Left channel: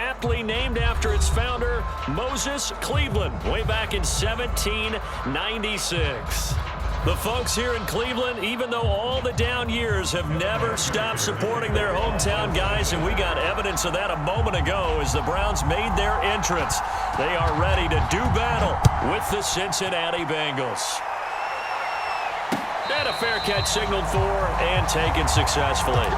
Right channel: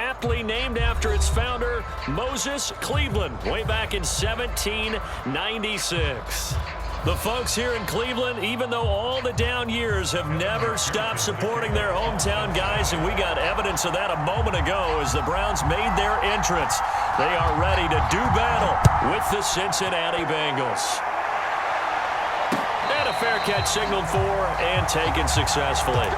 aptly named after its founder, Moses Cleveland, way back in 1796. The folks here in Cleveland, even though all the down years, have never stopped supporting their hometown guys, and we got evidence of that a moment ago as the Browns made their entrance. They are ready to do battle with the Cincinnati Bengals. And a fair catch signaled for and taken successfully.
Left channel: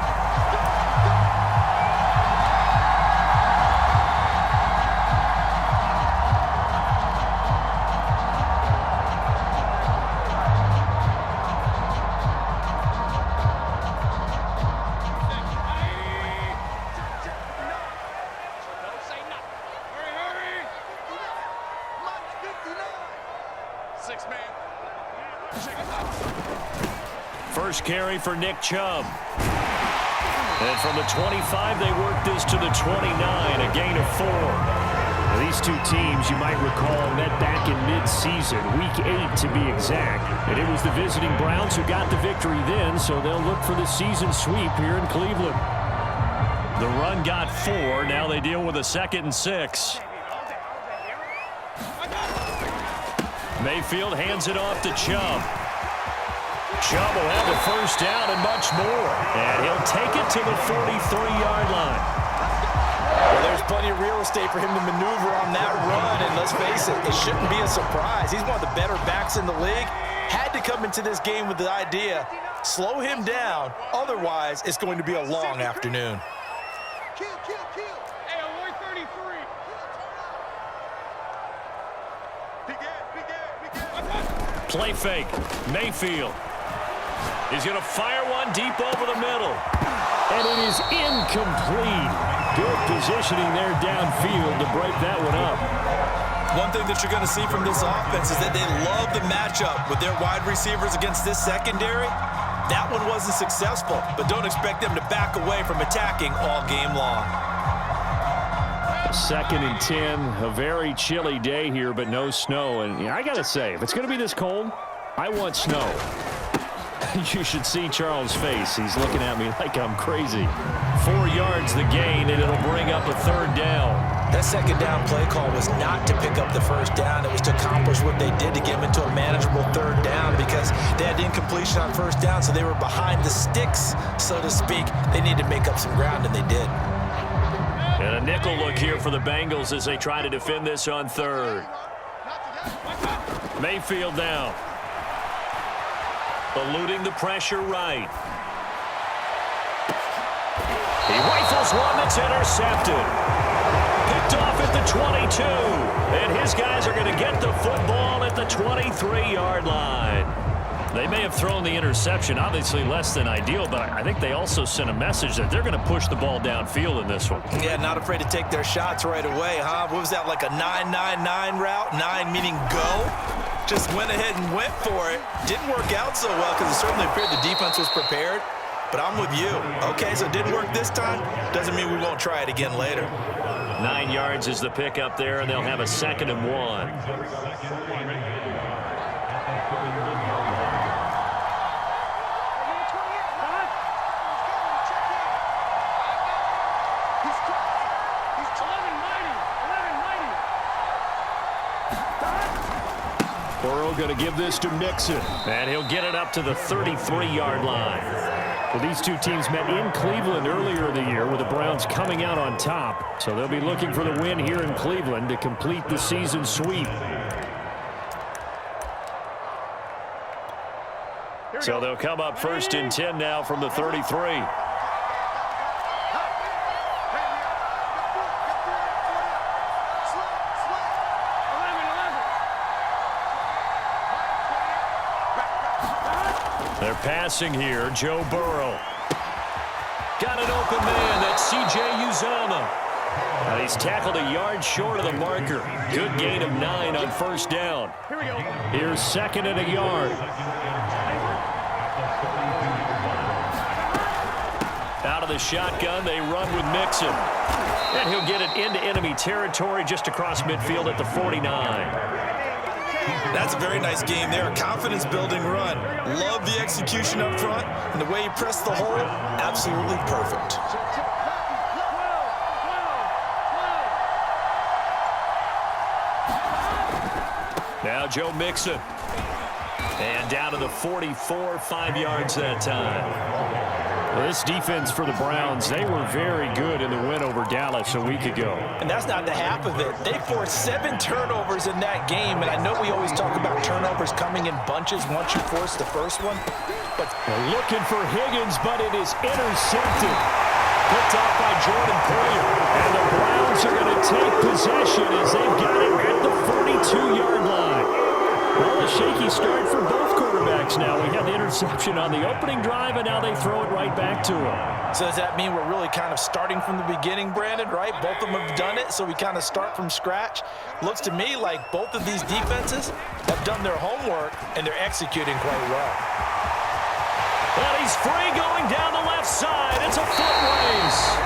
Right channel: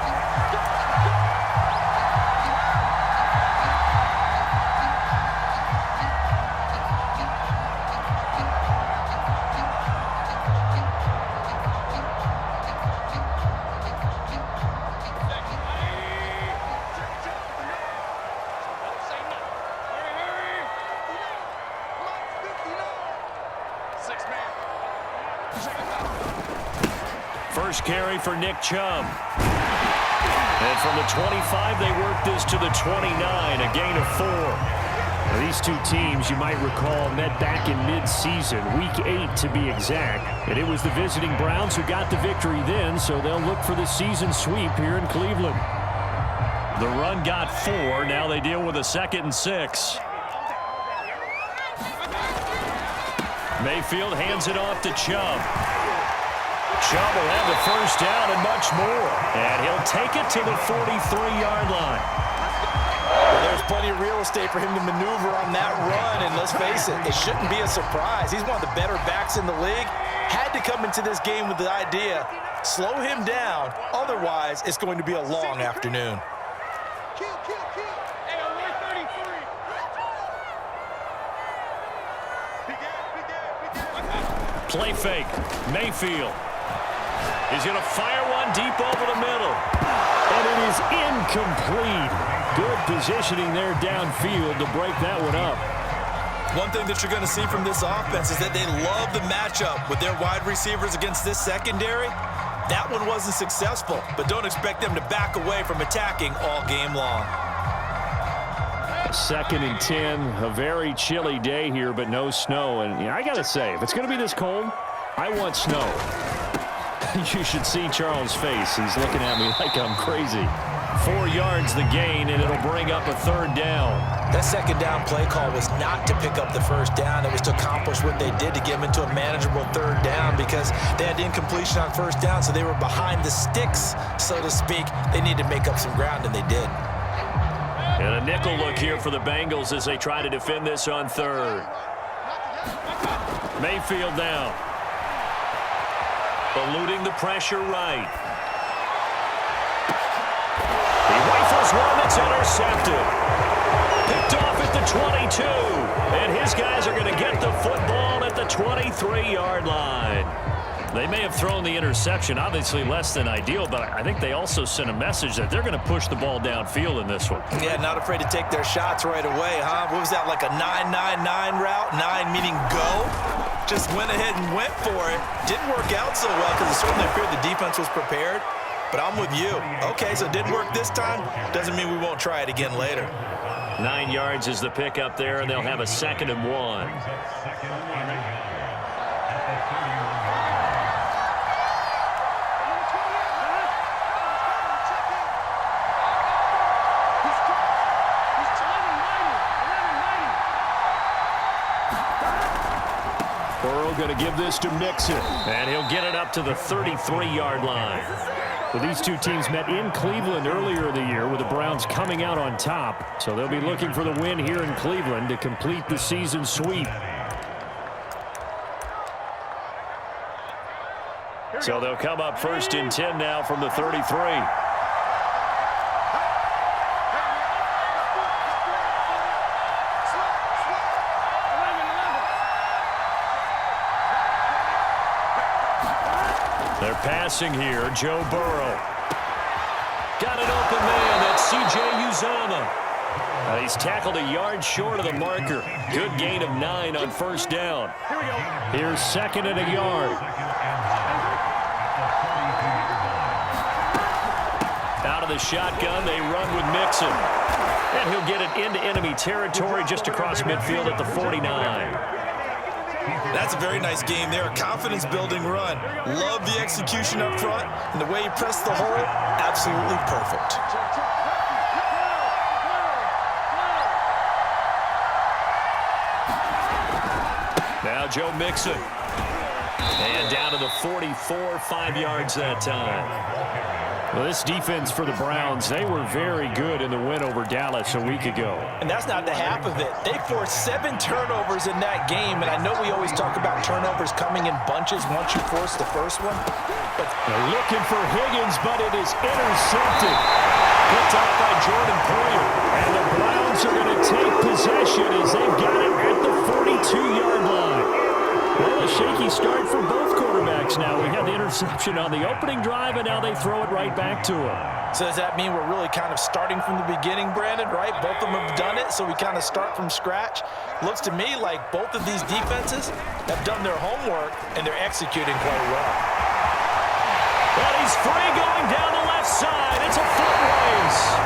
First carry for Nick Chubb. And from the 25, they work this to the 29, a gain of 4. Now, these two teams, you might recall, met back in mid-season, Week 8 to be exact. And it was the visiting Browns who got the victory then, so they'll look for the season sweep here in Cleveland. The run got 4. Now they deal with a 2nd and 6. Mayfield hands it off to Chubb. Chubb will have the first down and much more. And he'll take it to the 43-yard line. Well, there's plenty of real estate for him to maneuver on that run. And let's face it, it shouldn't be a surprise. He's one of the better backs in the league. Had to come into this game with the idea, slow him down. Otherwise, it's going to be a long afternoon. Hey, alert 33. Play fake. Mayfield. He's going to fire one deep over the middle. And it is incomplete. Good positioning there downfield to break that one up. One thing that you're going to see from this offense is that they love the matchup with their wide receivers against this secondary. That one wasn't successful, but don't expect them to back away from attacking all game long. 2nd and 10, a very chilly day here, but no snow. And I got to say, if it's going to be this cold, I want snow. You should see Charles' face. He's looking at me like I'm crazy. 4 yards the gain, and it'll bring up a 3rd down. That 2nd down play call was not to pick up the 1st down. It was to accomplish what they did to get them into a manageable 3rd down because they had incompletion on 1st down, so they were behind the sticks, so to speak. They needed to make up some ground, and they did. And a nickel look here for the Bengals as they try to defend this on 3rd. Mayfield now. Eluding the pressure right. He rifles one that's intercepted. Picked off at the 22. And his guys are going to get the football at the 23-yard line. They may have thrown the interception, obviously less than ideal, but I think they also sent a message that they're going to push the ball downfield in this one. Yeah, not afraid to take their shots right away, huh? What was that, like a 9-9-9 route? 9 meaning go? Just went ahead and went for it. Didn't work out so well because it certainly appeared the defense was prepared. But I'm with you. Okay, so it didn't work this time. Doesn't mean we won't try it again later. 9 yards is the pick up there, and they'll have a 2nd and 1. Burrow going to give this to Mixon. And he'll get it up to the 33-yard line. Well, these two teams met in Cleveland earlier in the year with the Browns coming out on top. So they'll be looking for the win here in Cleveland to complete the season sweep. So they'll come up 1st and 10 now from the 33. They're passing here. Joe Burrow. Got an open man. That's C.J. Uzomah. Now he's tackled a yard short of the marker. Good gain of 9 on 1st down. Here we go. Here's 2nd and a yard. Out of the shotgun, they run with Mixon. And he'll get it into enemy territory just across midfield at the 49. That's a very nice game there. A confidence-building run. Love the execution up front, and the way he pressed the hole, absolutely perfect. Now Joe Mixon. And down to the 44, 5 yards that time. Well, this defense for the Browns, they were very good in the win over Dallas a week ago. And that's not the half of it. They forced 7 turnovers in that game, and I know we always talk about turnovers coming in bunches once you force the first one. But they're looking for Higgins, but it is intercepted. Picked off by Jordan Poyer. And the Browns are going to take possession as they've got it at the 42-yard line. Well, a shaky start for both quarterbacks now. We had the interception on the opening drive, and now they throw it right back to him. So does that mean we're really kind of starting from the beginning, Brandon, right? Both of them have done it, so we kind of start from scratch. Looks to me like both of these defenses have done their homework, and they're executing quite well. And he's free going down the left side. It's a foot race.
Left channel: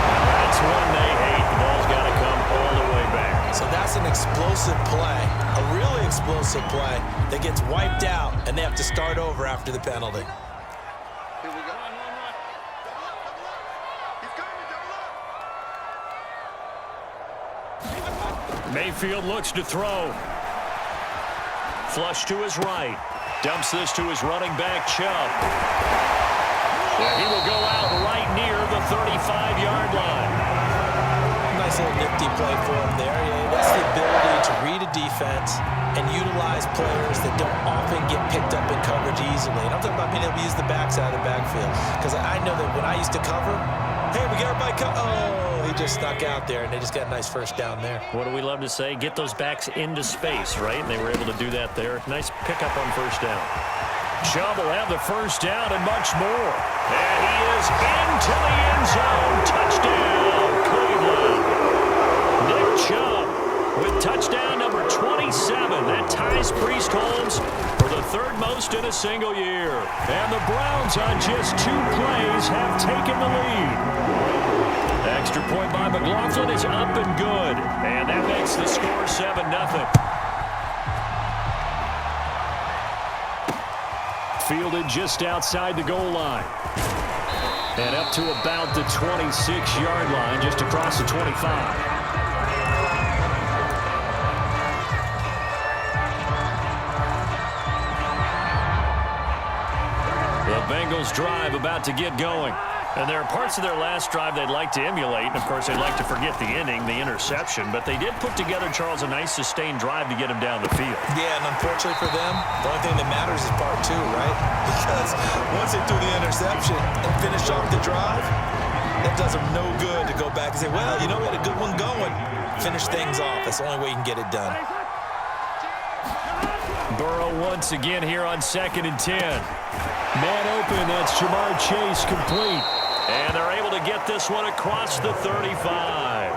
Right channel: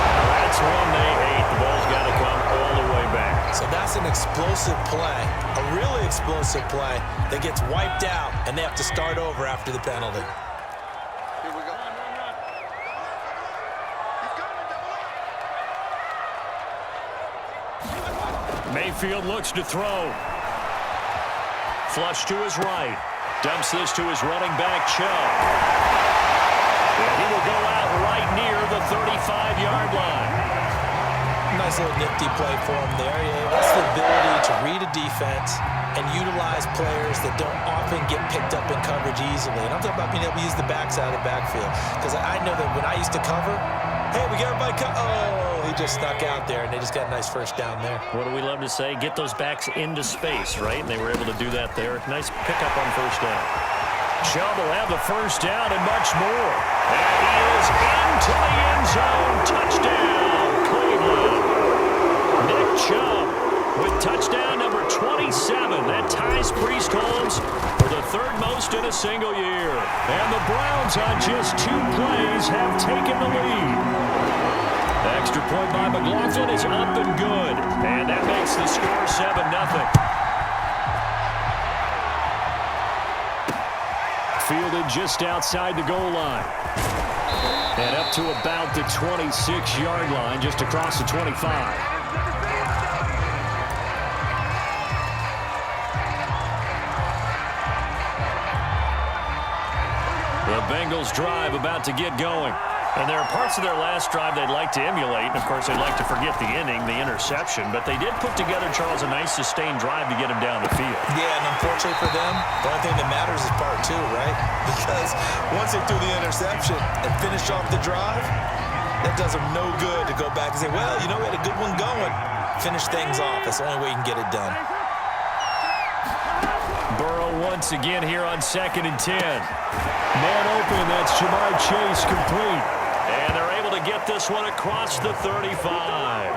Now that's one they hate. The ball's got to come all the way back. So that's an explosive play, a really explosive play that gets wiped out, and they have to start over after the penalty. Here we go. Run. Double up. He's coming. Double up. Mayfield looks to throw. Flush to his right. Dumps this to his running back, Chubb. And he will go out right near the 35-yard line. Nice little nifty play for him there. Yeah, that's the ability to read a defense and utilize players that don't often get picked up in coverage easily. And I'm talking about being able to use the backside of the backfield. Because I know that when I used to cover, hey, we got everybody oh, he just snuck out there, and they just got a nice first down there. What do we love to say? Get those backs into space, right? And they were able to do that there. Nice pickup on first down. Chubb will have the first down and much more. And he is into the end zone. Touchdown, Cleveland. Nick Chubb with touchdown number 27. That ties Priest Holmes for the third most in a single year. And the Browns on just 2 plays have taken the lead. Extra point by McLaughlin is up and good. And that makes the score 7-0. Fielded just outside the goal line. And up to about the 26-yard line, just across the 25. The Bengals drive about to get going. And there are parts of their last drive they'd like to emulate. And, of course, they'd like to forget the inning, the interception. But they did put together, Charles, a nice sustained drive to get him down the field. Yeah, and unfortunately for them, the only thing that matters is part 2, right? Because once they threw the interception and finished off the drive, that does them no good to go back and say, well, you know, we had a good one going. Finish things off. That's the only way you can get it done. Burrow once again here on 2nd and 10. Man open, that's Jamar Chase complete. And they're able to get this one across the 35.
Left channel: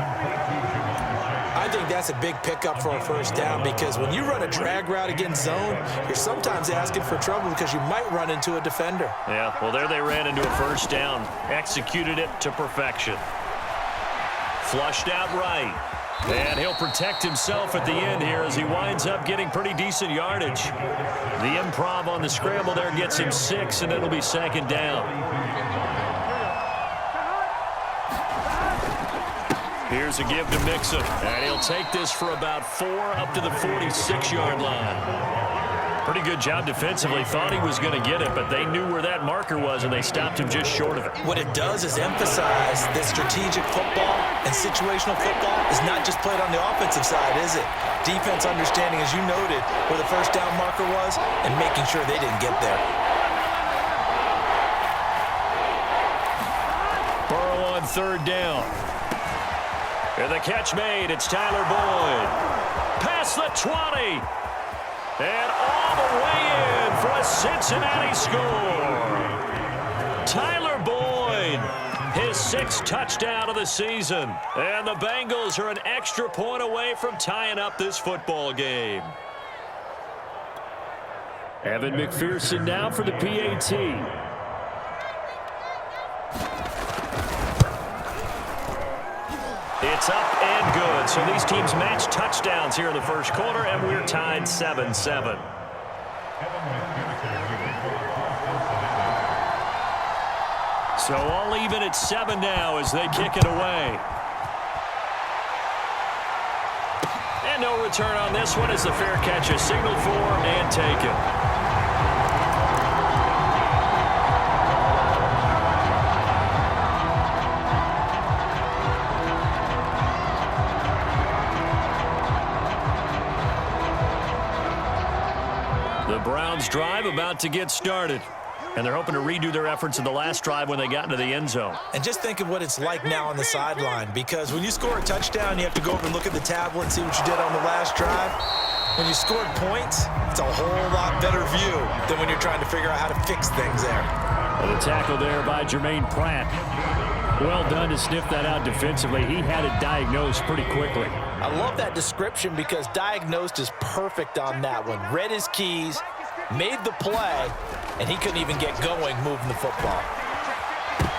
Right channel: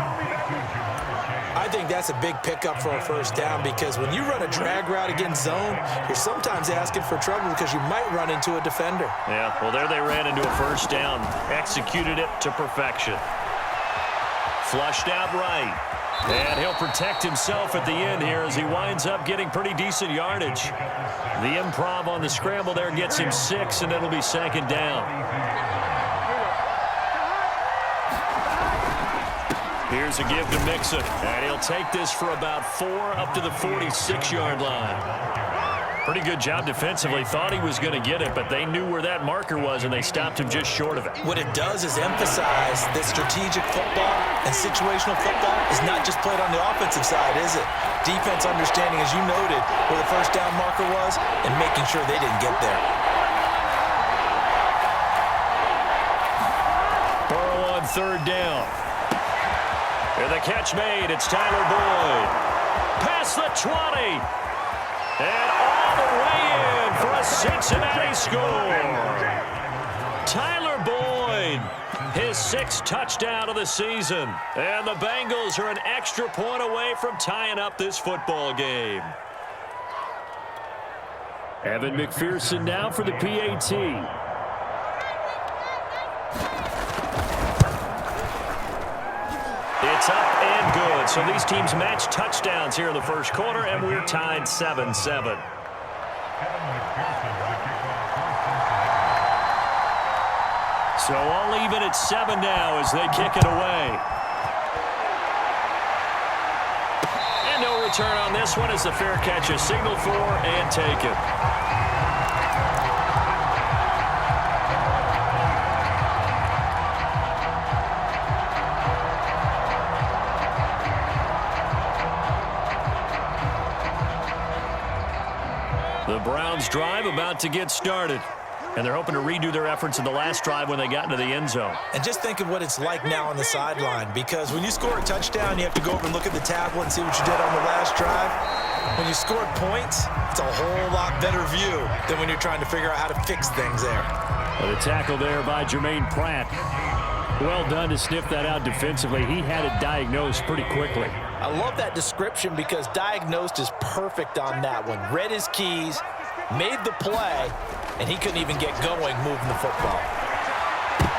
I think that's a big pickup for a first down because when you run a drag route against zone, you're sometimes asking for trouble because you might run into a defender. Yeah, well, there they ran into a first down. Executed it to perfection. Flushed out right. And he'll protect himself at the end here as he winds up getting pretty decent yardage. The improv on the scramble there gets him 6, and it'll be 2nd down. Here's a give to Mixon. And he'll take this for about 4 up to the 46-yard line. Pretty good job defensively. Thought he was going to get it, but they knew where that marker was, and they stopped him just short of it. What it does is emphasize that strategic football and situational football is not just played on the offensive side, is it? Defense understanding, as you noted, where the first down marker was and making sure they didn't get there. Burrow on 3rd down. And the catch made. It's Tyler Boyd. Past the 20. And all the way in for a Cincinnati score. Tyler Boyd, his 6th touchdown of the season. And the Bengals are an extra point away from tying up this football game. Evan McPherson now for the PAT. It's up and good. So these teams match touchdowns here in the first quarter, and we're tied 7-7. So all even at 7 now as they kick it away. And no return on this one as the fair catch is signaled for and taken. The Browns drive about to get started. And they're hoping to redo their efforts in the last drive when they got into the end zone. And just think of what it's like now on the sideline, because when you score a touchdown, you have to go over and look at the tablet and see what you did on the last drive. When you scored points, it's a whole lot better view than when you're trying to figure out how to fix things there. And a tackle there by Jermaine Pratt. Well done to sniff that out defensively. He had it diagnosed pretty quickly. I love that description because diagnosed is perfect on that one. Read his keys, made the play, and he couldn't even get going moving the football.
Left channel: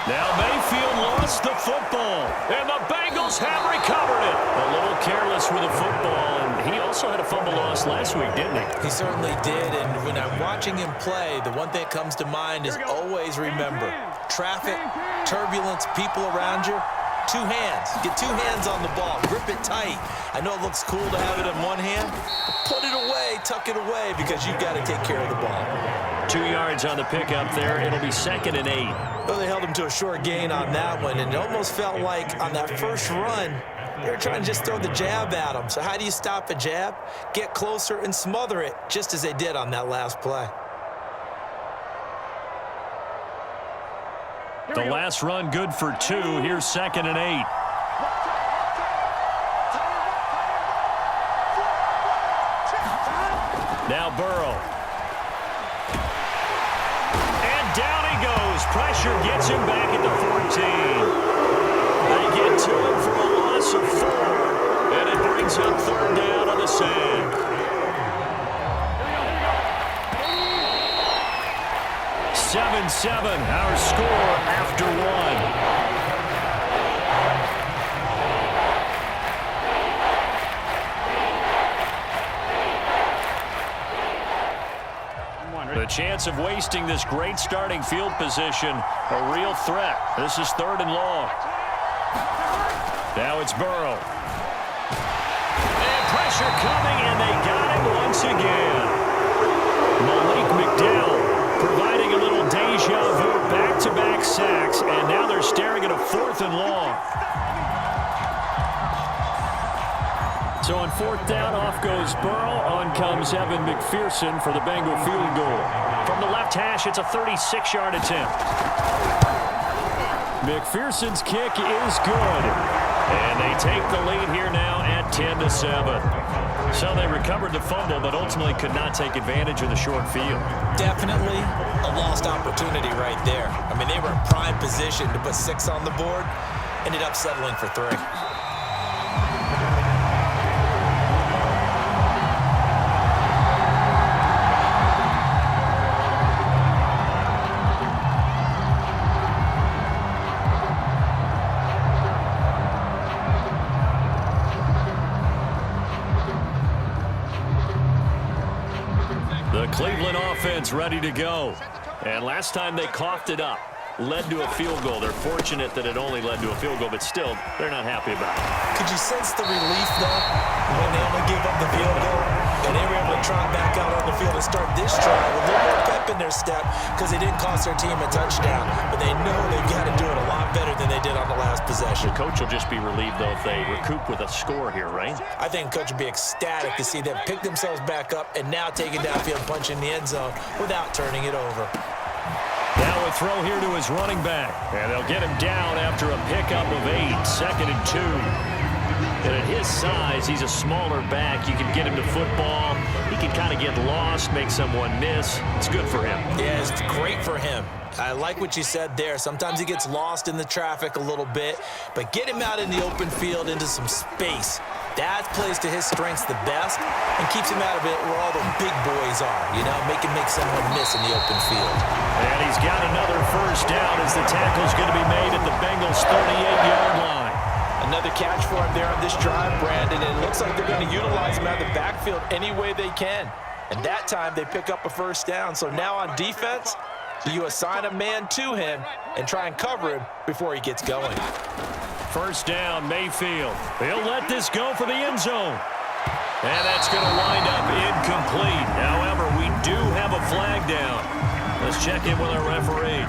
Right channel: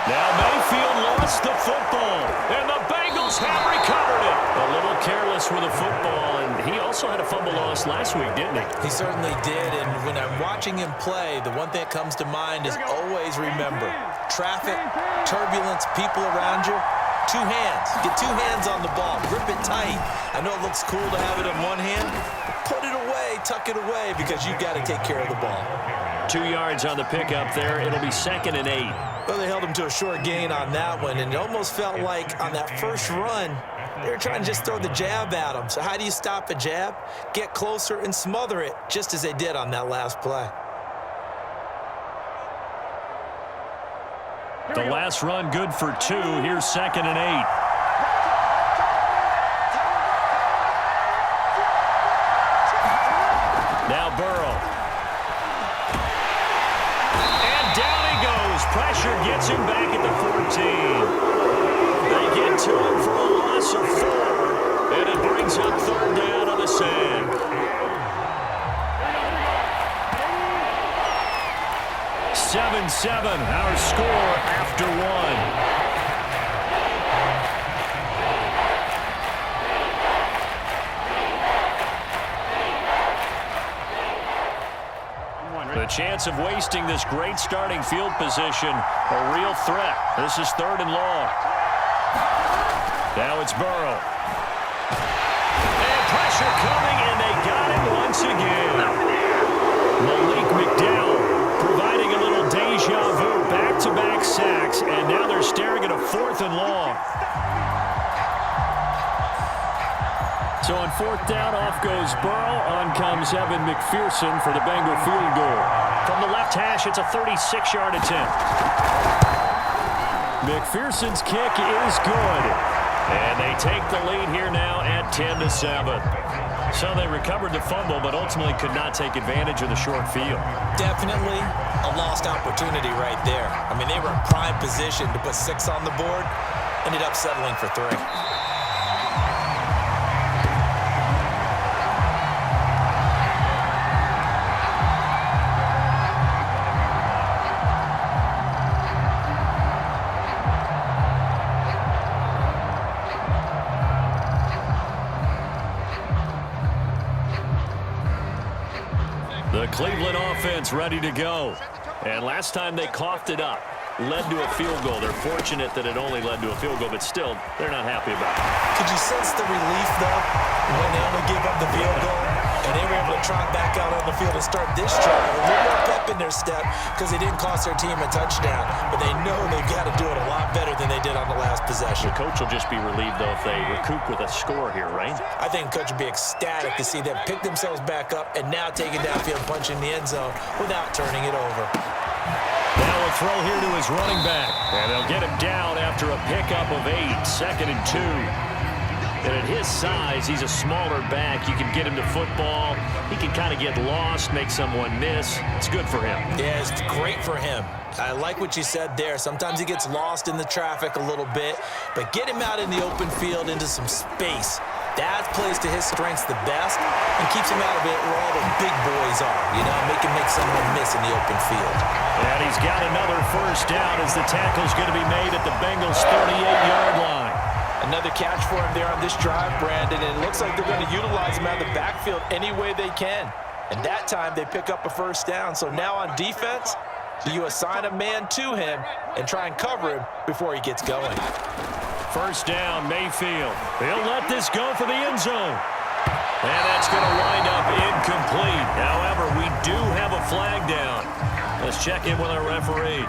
Now Mayfield lost the football, and the Bengals have recovered it. A little careless with the football, and he also had a fumble loss last week, didn't he? He certainly did, and when I'm watching him play, the one thing that comes to mind is always remember, traffic, turbulence, people around you, two hands. Get two hands on the ball. Grip it tight. I know it looks cool to have it in one hand, but put it away, tuck it away, because you've got to take care of the ball. 2 yards on the pickup there. It'll be 2nd and 8. Well, they held him to a short gain on that one, and it almost felt like on that first run, they were trying to just throw the jab at him. So how do you stop a jab? Get closer and smother it, just as they did on that last play. The last run good for 2. Here's 2nd and 8. Now Burrow. And down he goes. Pressure gets him back at the 14. They get to him for a loss of 4. And it brings up 3rd down on the sand. 7-7, our score after 1. The chance of wasting this great starting field position, a real threat. This is 3rd and long. Now it's Burrow. And pressure coming, and they got him once again. Malik McDowell providing a little deja vu, back-to-back sacks, and now they're staring at a 4th and long. So on 4th down, off goes Burrow. On comes Evan McPherson for the Bengal field goal. From the left hash, it's a 36-yard attempt. McPherson's kick is good. And they take the lead here now at 10-7. So they recovered the fumble, but ultimately could not take advantage of the short field. Definitely a lost opportunity right there. I mean, they were in prime position to put 6 on the board. Ended up settling for 3. The Cleveland offense ready to go. And last time they coughed it up, led to a field goal. They're fortunate that it only led to a field goal, but still, they're not happy about it. Could you sense the relief, though, when they only gave up the field goal? And they were able to trot back out on the field and start this drive. A little more pep in their step because they didn't cost their team a touchdown. But they know they've got to do it a lot better than they did on the last possession. The coach will just be relieved, though, if they recoup with a score here, right? I think the coach would be ecstatic to see them pick themselves back up and now take it downfield, punch in the end zone without turning it over. Now a throw here to his running back. And they'll get him down after a pickup of 8, 2nd and 2. And at his size, he's a smaller back. You can get him to football. He can kind of get lost, make someone miss. It's good for him. Yeah, it's great for him. I like what you said there. Sometimes he gets lost in the traffic a little bit, but get him out in the open field into some space. That plays to his strengths the best and keeps him out of it where all the big boys are, you know, make someone miss in the open field. And he's got another 1st down as the tackle's going to be made at the Bengals' 38-yard line. Another catch for him there on this drive, Brandon, and it looks like they're going to utilize him out of the backfield any way they can. And that time they pick up a 1st down. So now on defense, you assign a man to him and try and cover him before he gets going. 1st down, Mayfield. He'll let this go for the end zone. And that's going to wind up incomplete. However, we do have a flag down. Let's check in with our referee.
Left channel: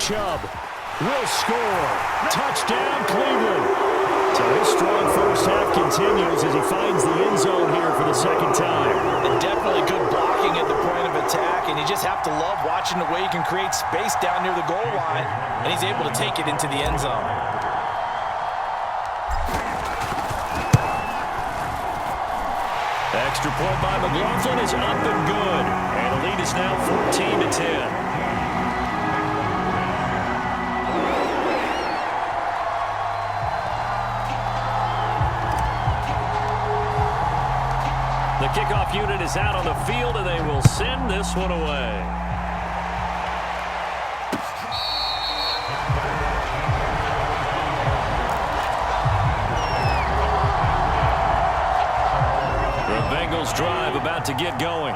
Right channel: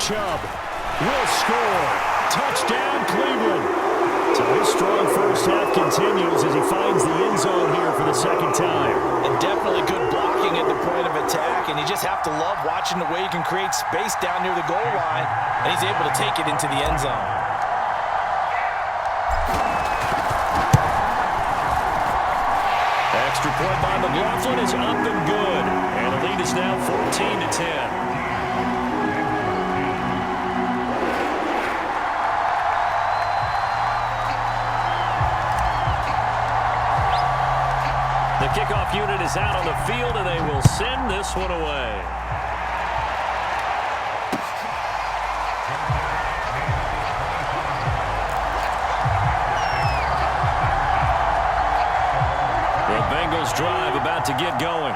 Chubb will score. Touchdown, Cleveland. So his strong first half continues as he finds the end zone here for the second time. And definitely good blocking at the point of attack, and you just have to love watching the way he can create space down near the goal line, and he's able to take it into the end zone. Extra point by McLaughlin is up and good. And the lead is now 14-10. The kickoff unit is out on the field, and they will send this one away. The Bengals drive about to get going.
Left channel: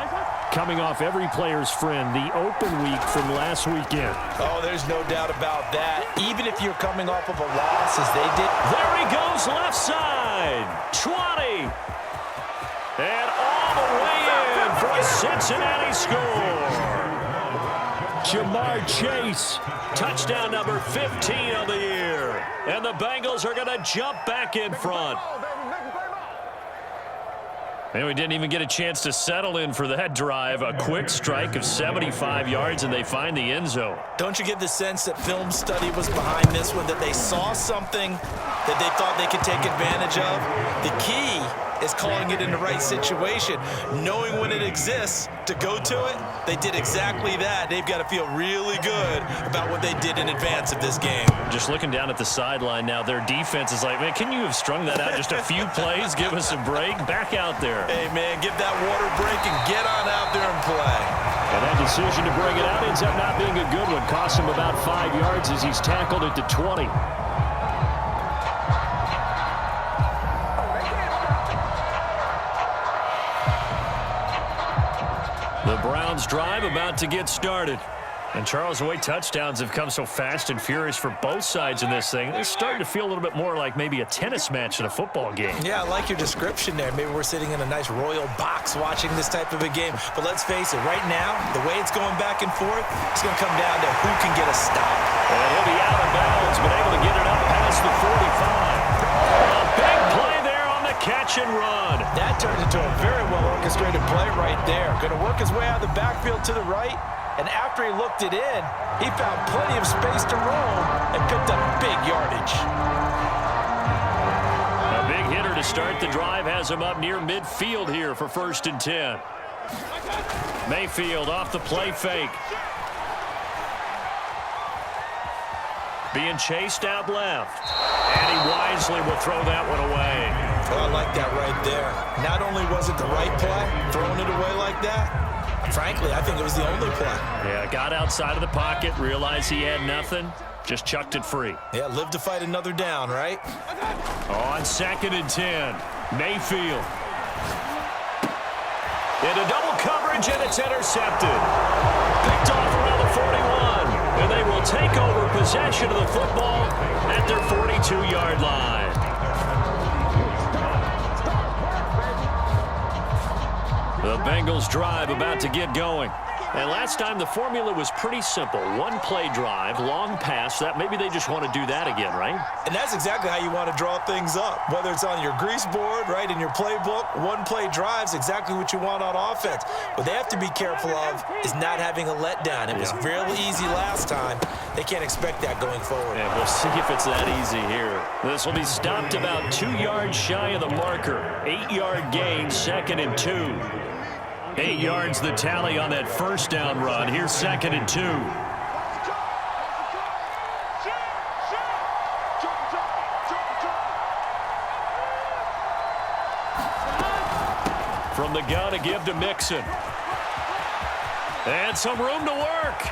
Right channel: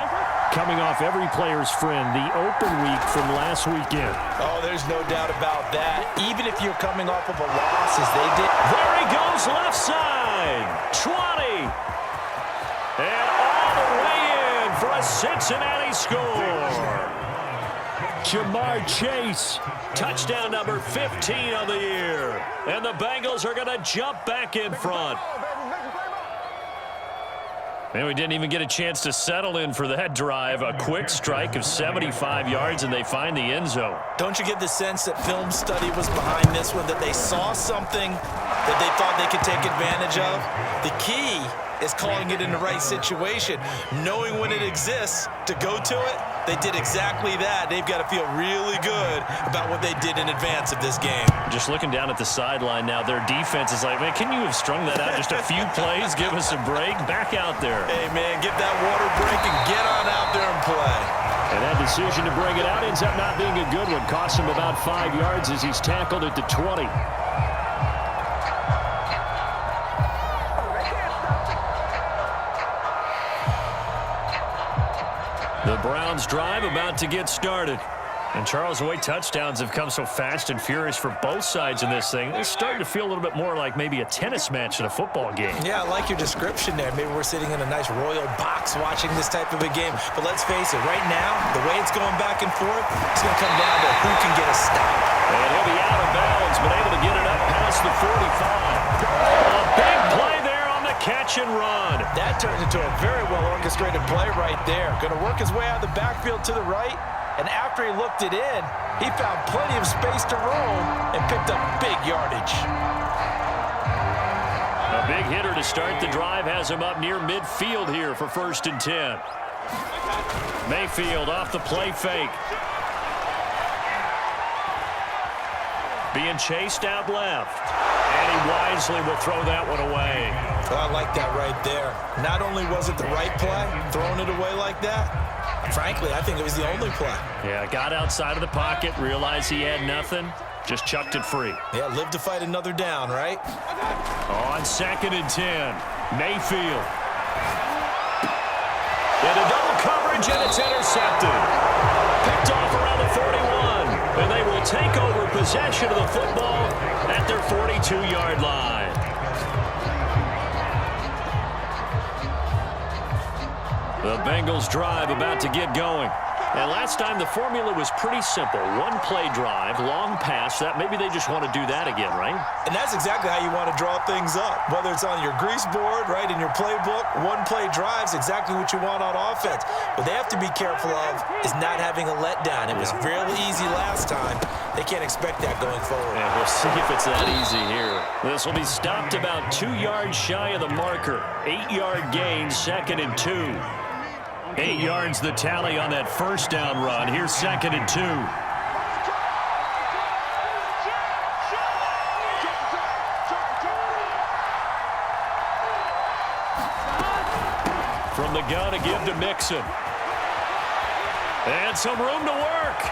Coming off every player's friend, the open week from last weekend. Oh, there's no doubt about that. Even if you're coming off of a loss as they did. There he goes, left side. 20. And all the way in for a Cincinnati score. Jamar Chase. Touchdown number 15 on the year. And the Bengals are going to jump back in front. And we didn't even get a chance to settle in for that drive. A quick strike of 75 yards, and they find the end zone. Don't you get the sense that film study was behind this one, that they saw something that they thought they could take advantage of? The key is calling it in the right situation, knowing when it exists to go to it. They did exactly that. They've got to feel really good about what they did in advance of this game. Just looking down at the sideline now, their defense is like, man, can you have strung that out just a few plays? Give us a break. Back out there. Hey, man, get that water break and get on out there and play. And that decision to bring it out ends up not being a good one. Costs him about 5 yards as he's tackled at the 20. The Browns drive about to get started. And Charles, the way touchdowns have come so fast and furious for both sides in this thing, it's starting to feel a little bit more like maybe a tennis match than a football game. Yeah, I like your description there. Maybe we're sitting in a nice royal box watching this type of a game. But let's face it, right now, the way it's going back and forth, it's going to come down to who can get a stop. And he'll be out of bounds, but able to get it up past the 45. A big play there on the catch and run. That turned into a very well-orchestrated play right there. Going to work his way out of the backfield to the right. And after he looked it in, he found plenty of space to roam and picked up big yardage. A big hitter to start the drive has him up near midfield here for 1st and 10. Mayfield off the play fake. Being chased out left. And he wisely will throw that one away. Oh, I like that right there. Not only was it the right play, throwing it away like that, frankly, I think it was the only play. Yeah, got outside of the pocket, realized he had nothing, just chucked it free. Yeah, live to fight another down, right? On 2nd and 10, Mayfield. Into double coverage, and it's intercepted. Picked off around the 41, and they will take over possession of the football at their 42-yard line. The Bengals drive about to get going. And last time the formula was pretty simple. One play drive, long pass. That maybe they just want to do that again, right? And that's exactly how you want to draw things up. Whether it's on your grease board, right, in your playbook, one play drive's exactly what you want on offense. What they have to be careful of is not having a letdown. It was fairly easy last time. They can't expect that going forward. And we'll see if it's that easy here. This will be stopped about 2 yards shy of the marker. 8-yard gain, 2nd and 2. 8 yards the tally on that first down run. Here's 2nd and 2. From the gun to give to Mixon. And some room to work.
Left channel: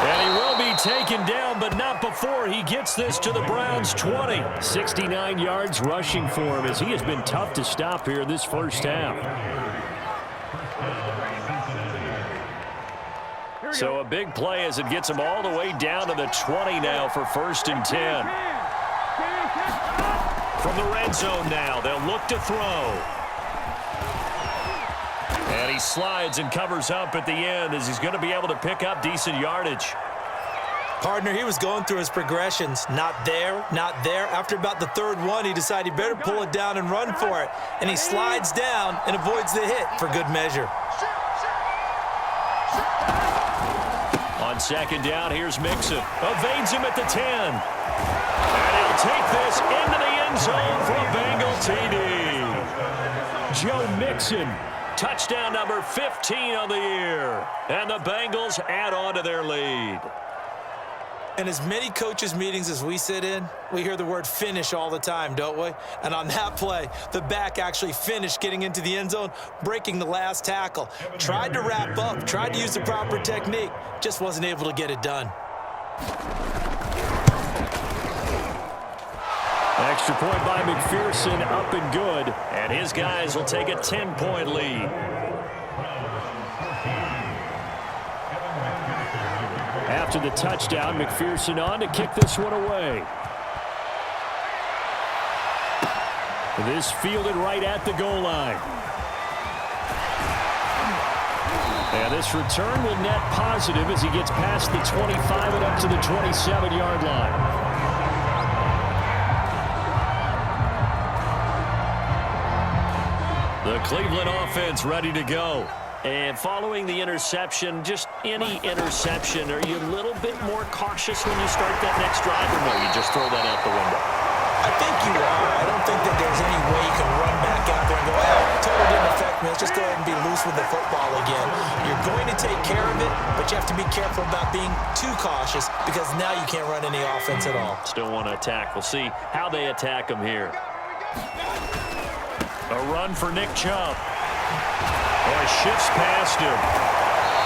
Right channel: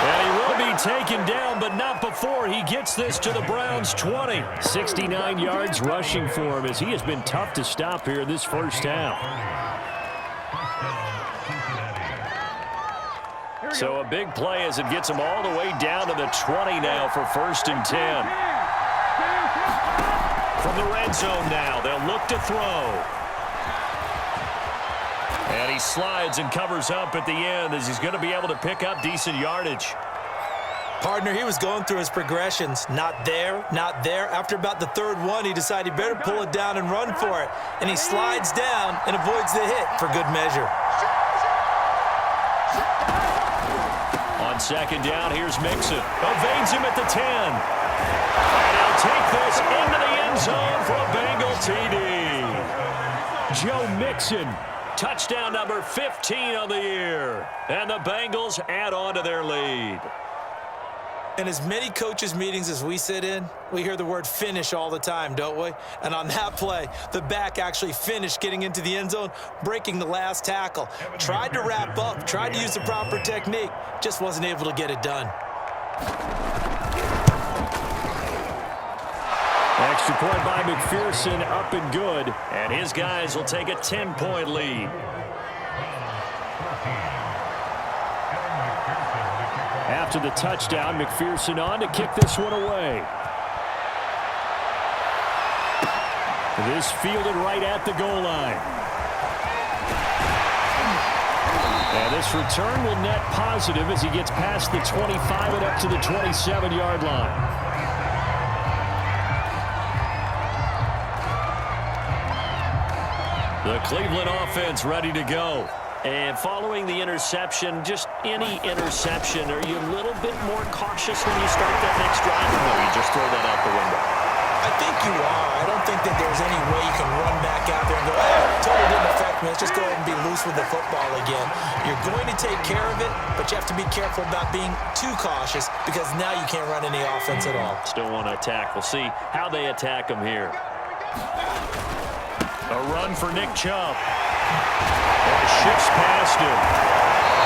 And he will be taken down, but not before he gets this to the Browns' 20. 69 yards rushing for him as he has been tough to stop here this first half. So a big play as it gets him all the way down to the 20 now for 1st and 10. From the red zone now, they'll look to throw. And he slides and covers up at the end as he's going to be able to pick up decent yardage. Partner, he was going through his progressions. Not there, not there. After about the 3rd one, he decided he better pull it down and run for it. And he slides down and avoids the hit for good measure. On 2nd down, here's Mixon. Evades him at the 10. And he'll take this into the end zone for a Bengal TD. Joe Mixon. Touchdown number 15 on the year. And the Bengals add on to their lead. In as many coaches' meetings as we sit in, we hear the word finish all the time, don't we? And on that play, the back actually finished getting into the end zone, breaking the last tackle. Tried to wrap up, tried to use the proper technique, just wasn't able to get it done. Extra point by McPherson, up and good. And his guys will take a 10-point lead. After the touchdown, McPherson on to kick this one away. This fielded right at the goal line. And this return will net positive as he gets past the 25 and up to the 27-yard line. The Cleveland offense ready to go. And following the interception, just any interception, are you a little bit more cautious when you start that next drive, or no, you just throw that out the window? I think you are. I don't think that there's any way you can run back out there and go, totally didn't affect me. Let's just go ahead and be loose with the football again. You're going to take care of it, but you have to be careful about being too cautious because now you can't run any offense at all. Still want to attack. We'll see how they attack him here. A run for Nick Chubb. Boy, shifts past him.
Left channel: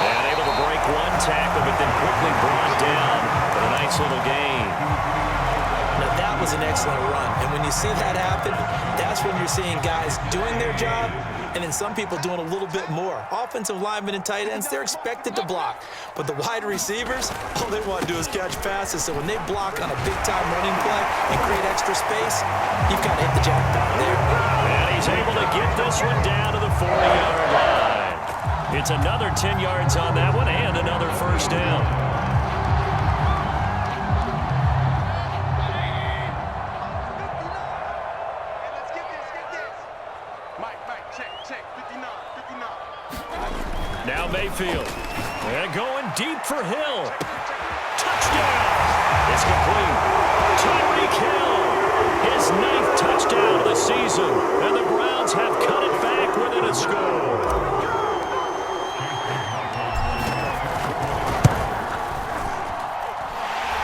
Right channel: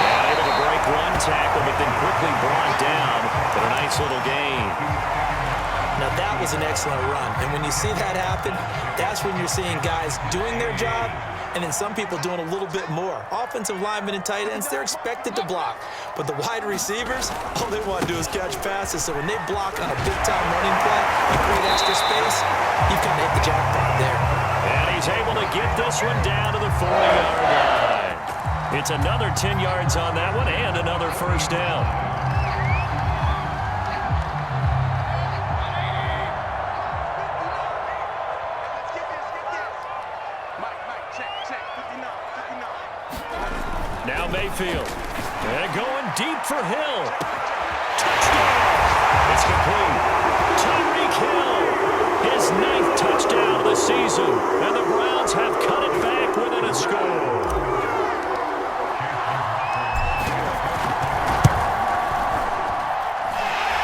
And able to break one tackle, but then quickly brought down. But a nice little gain. Now, that was an excellent run. And when you see that happen, that's when you're seeing guys doing their job and then some people doing a little bit more. Offensive linemen and tight ends, they're expected to block. But the wide receivers, all they want to do is catch passes. So when they block on a big-time running play and create extra space, you've got to hit the jackpot there. And he's able to get this one down to the 40-yard line. It's another 10 yards on that one and another first down. Now Mayfield. And going deep for Hill. Touchdown. It's complete. Tyreek Hill. His 9th touchdown of the season. And the Browns have cut it back within a score.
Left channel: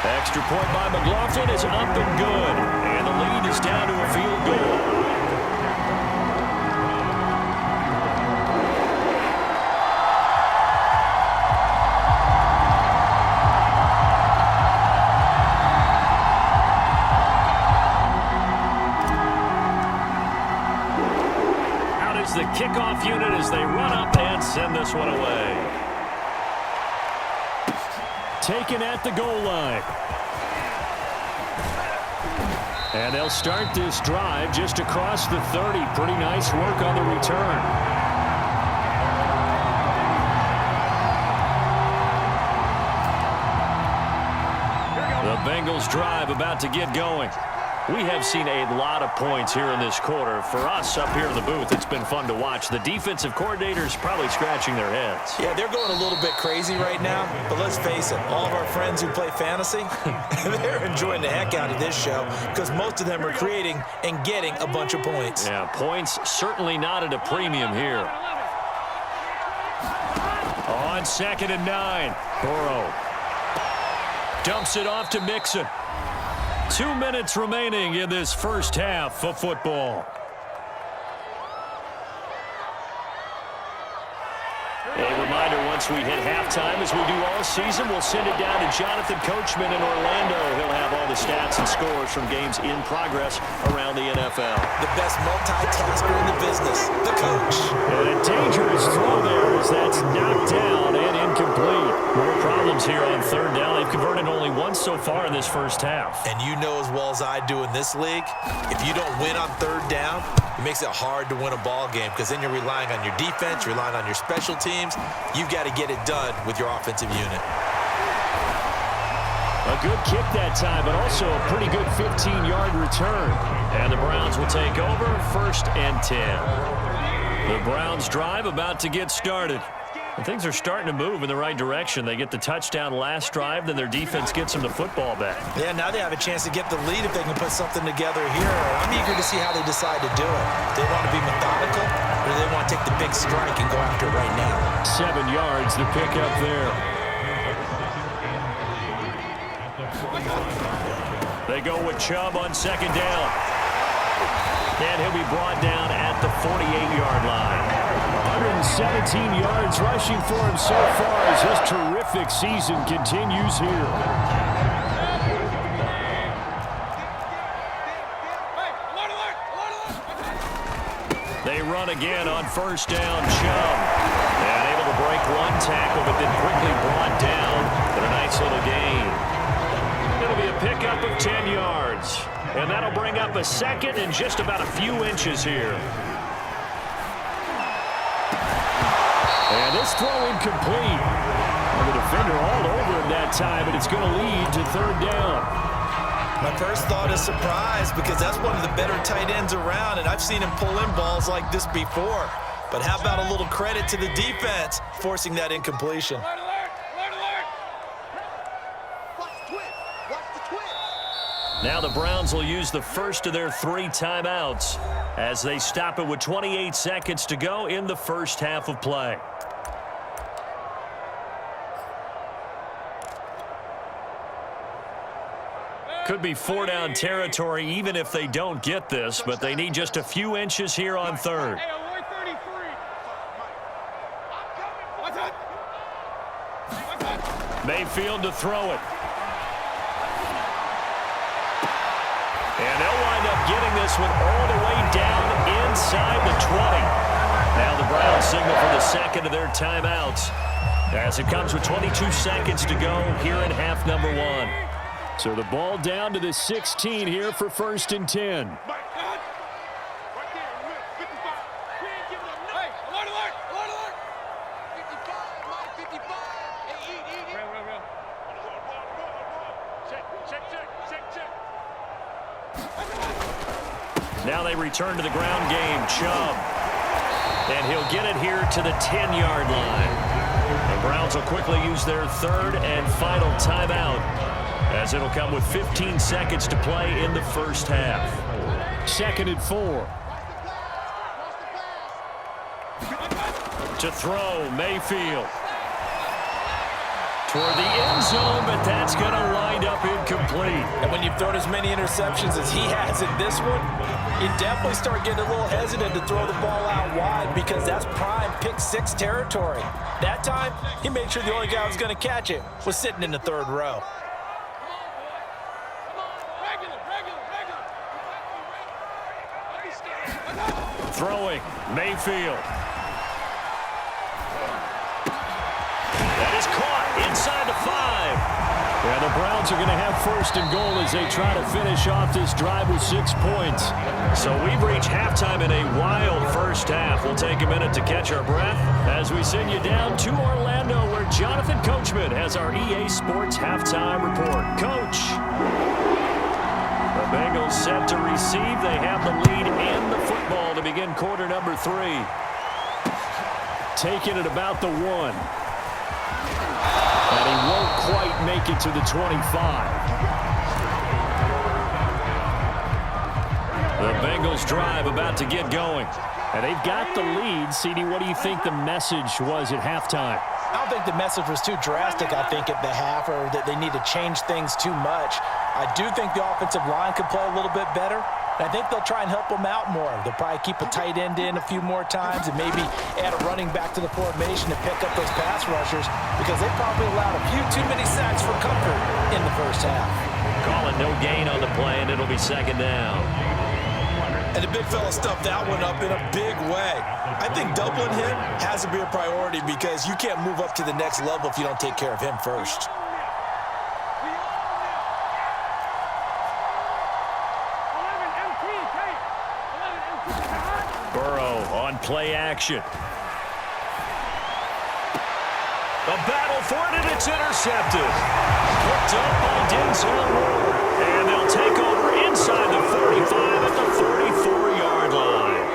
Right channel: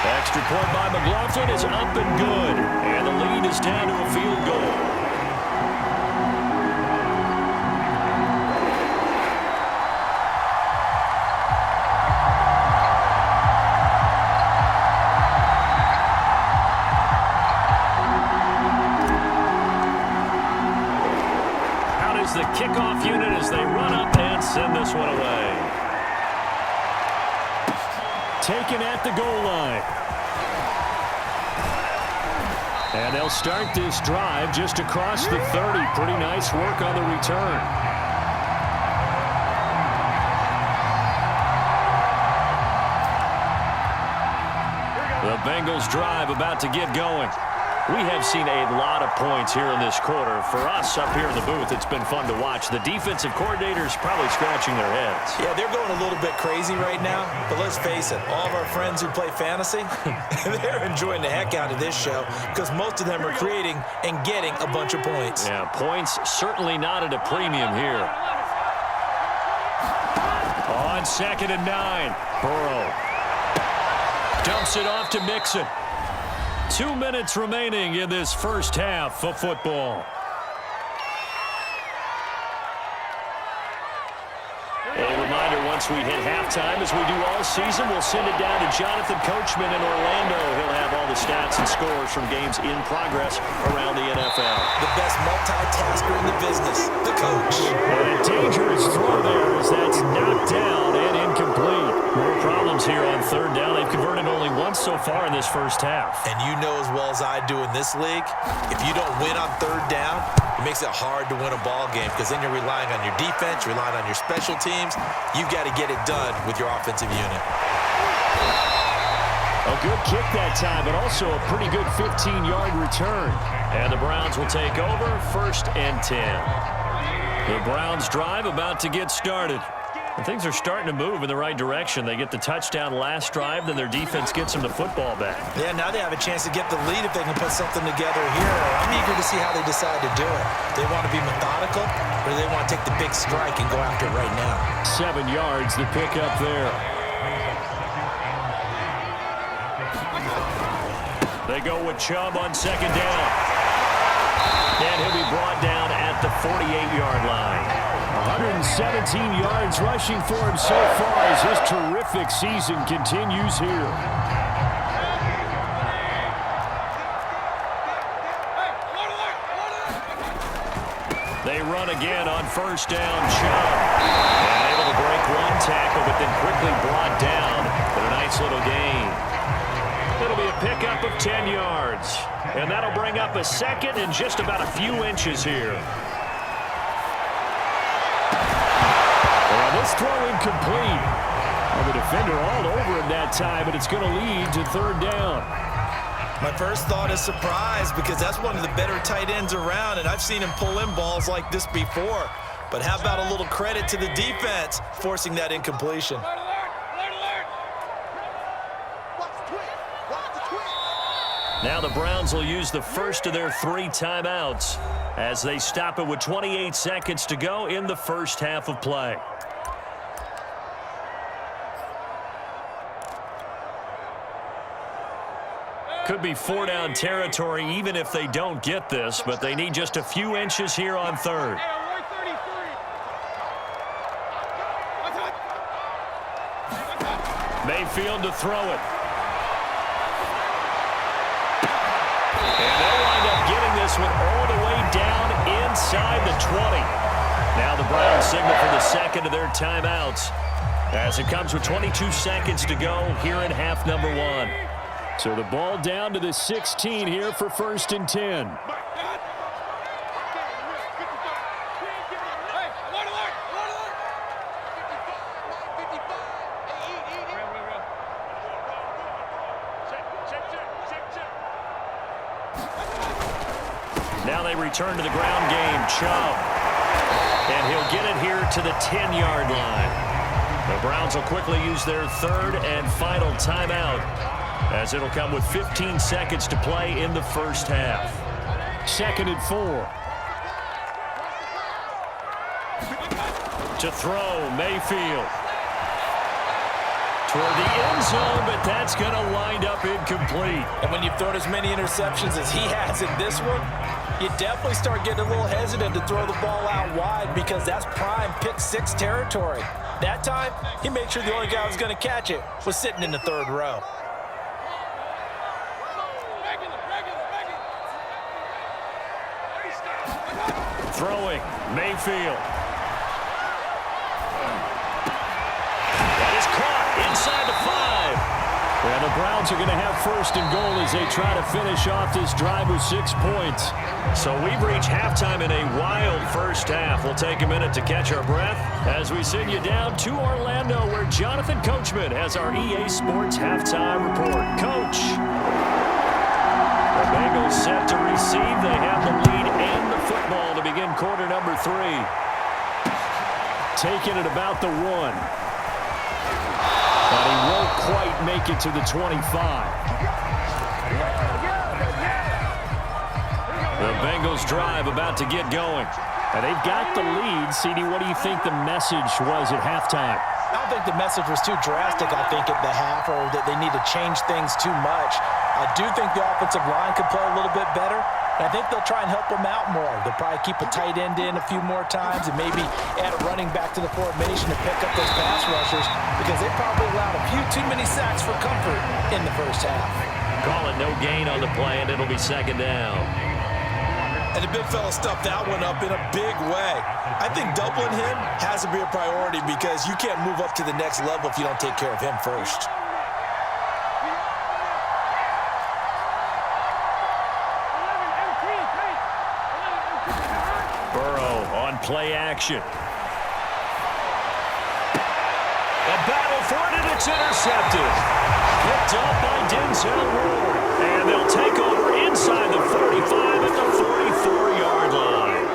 Extra point by McLaughlin is up and good. And the lead is down to a field goal. The kickoff unit as they run up and send this one away. Taken at the goal line. And they'll start this drive just across the 30. Pretty nice work on the return. The Bengals drive about to get going. We have seen a lot of points here in this quarter. For us up here in the booth, it's been fun to watch. The defensive coordinators probably scratching their heads. Yeah, they're going a little bit crazy right now. But let's face it, all of our friends who play fantasy, they're enjoying the heck out of this show because most of them are creating and getting a bunch of points. Yeah, points certainly not at a premium here. On 2nd and 9, Burrow dumps it off to Mixon. 2 minutes remaining in this first half of football. A reminder once once we hit halftime, as we do all season, we'll send it down to Jonathan Coachman in Orlando. He'll have all the stats and scores from games in progress around the NFL. The best multitasker in the business, the coach. And a dangerous throw there as that's knocked down and incomplete. More problems here on third down. They've converted only once so far in this first half. And you know as well as I do in this league, if you don't win on third down, it makes it hard to win a ball game because then you're relying on your defense, you're relying on your special teams. You've got to get it done with your offensive unit. A good kick that time, but also a pretty good 15-yard return. And the Browns will take over, 1st and 10. The Browns drive about to get started. And things are starting to move in the right direction. They get the touchdown last drive, then their defense gets them the football back. Yeah, now they have a chance to get the lead if they can put something together here. I'm eager to see how they decide to do it. Do they want to be methodical, or do they want to take the big strike and go after it right now? 7 yards, the pickup there. They go with Chubb on 2nd down. And he'll be brought down at the 48-yard line. 117 yards rushing for him so far as his terrific season continues here. They run again on 1st down, Chubb. And able to break one tackle, but then quickly brought down. But a nice little gain. It'll be a pickup of 10 yards. And that'll bring up a 2nd and just about a few inches here. And this throw incomplete. Well, the defender all over him that time, but it's going to lead to 3rd down. My first thought is surprise because that's one of the better tight ends around, and I've seen him pull in balls like this before. But how about a little credit to the defense forcing that incompletion? Now the Browns will use the first of their 3 timeouts as they stop it with 28 seconds to go in the first half of play. Could be 4-down territory even if they don't get this, but they need just a few inches here on 3rd. Mayfield to throw it. And they'll wind up getting this one all the way down inside the 20. Now the Browns signal for the 2nd of their timeouts as it comes with 22 seconds to go here in half number 1. So the ball down to the 16 here for 1st and 10. Now they return to the ground game. Chubb. And he'll get it here to the 10-yard line. The Browns will quickly use their 3rd and final timeout as it'll come with 15 seconds to play in the first half. 2nd and 4. To throw, Mayfield. Toward the end zone, but that's going to wind up incomplete. And when you've thrown as many interceptions as he has in this one, you definitely start getting a little hesitant to throw the ball out wide because that's prime pick 6 territory. That time, he made sure the only guy who was going to catch it was sitting in the 3rd row. Throwing, Mayfield. That is caught inside the 5. And the Browns are going to have 1st and goal as they try to finish off this drive with 6 points. So we've reached halftime in a wild first half. We'll take a minute to catch our breath as we send you down to Orlando where Jonathan Coachman has our EA Sports halftime report. Coach. The Bengals set to receive. They have the lead and the football to begin quarter number 3. Taking it about the 1. And he won't quite make it to the 25. The Bengals drive about to get going. And they've got the lead. CD, what do you think the message was at halftime? I don't think the message was too drastic, I think, at the half, or that they need to change things too much. I do think the offensive line could play a little bit better. And I think they'll try and help him out more. They'll probably keep a tight end in a few more times and maybe add a running back to the formation to pick up those pass rushers because they probably allowed a few too many sacks for comfort in the first half. Call it no gain on the play, and it'll be second down. And the big fella stuffed that one up in a big way. I think doubling him has to be a priority because you can't move up to the next level if you don't take care of him first. Burrow on play action. A battle for it, and it's intercepted. Picked up by Denzel Ward. And they'll take over inside the 45 at the 44-yard line.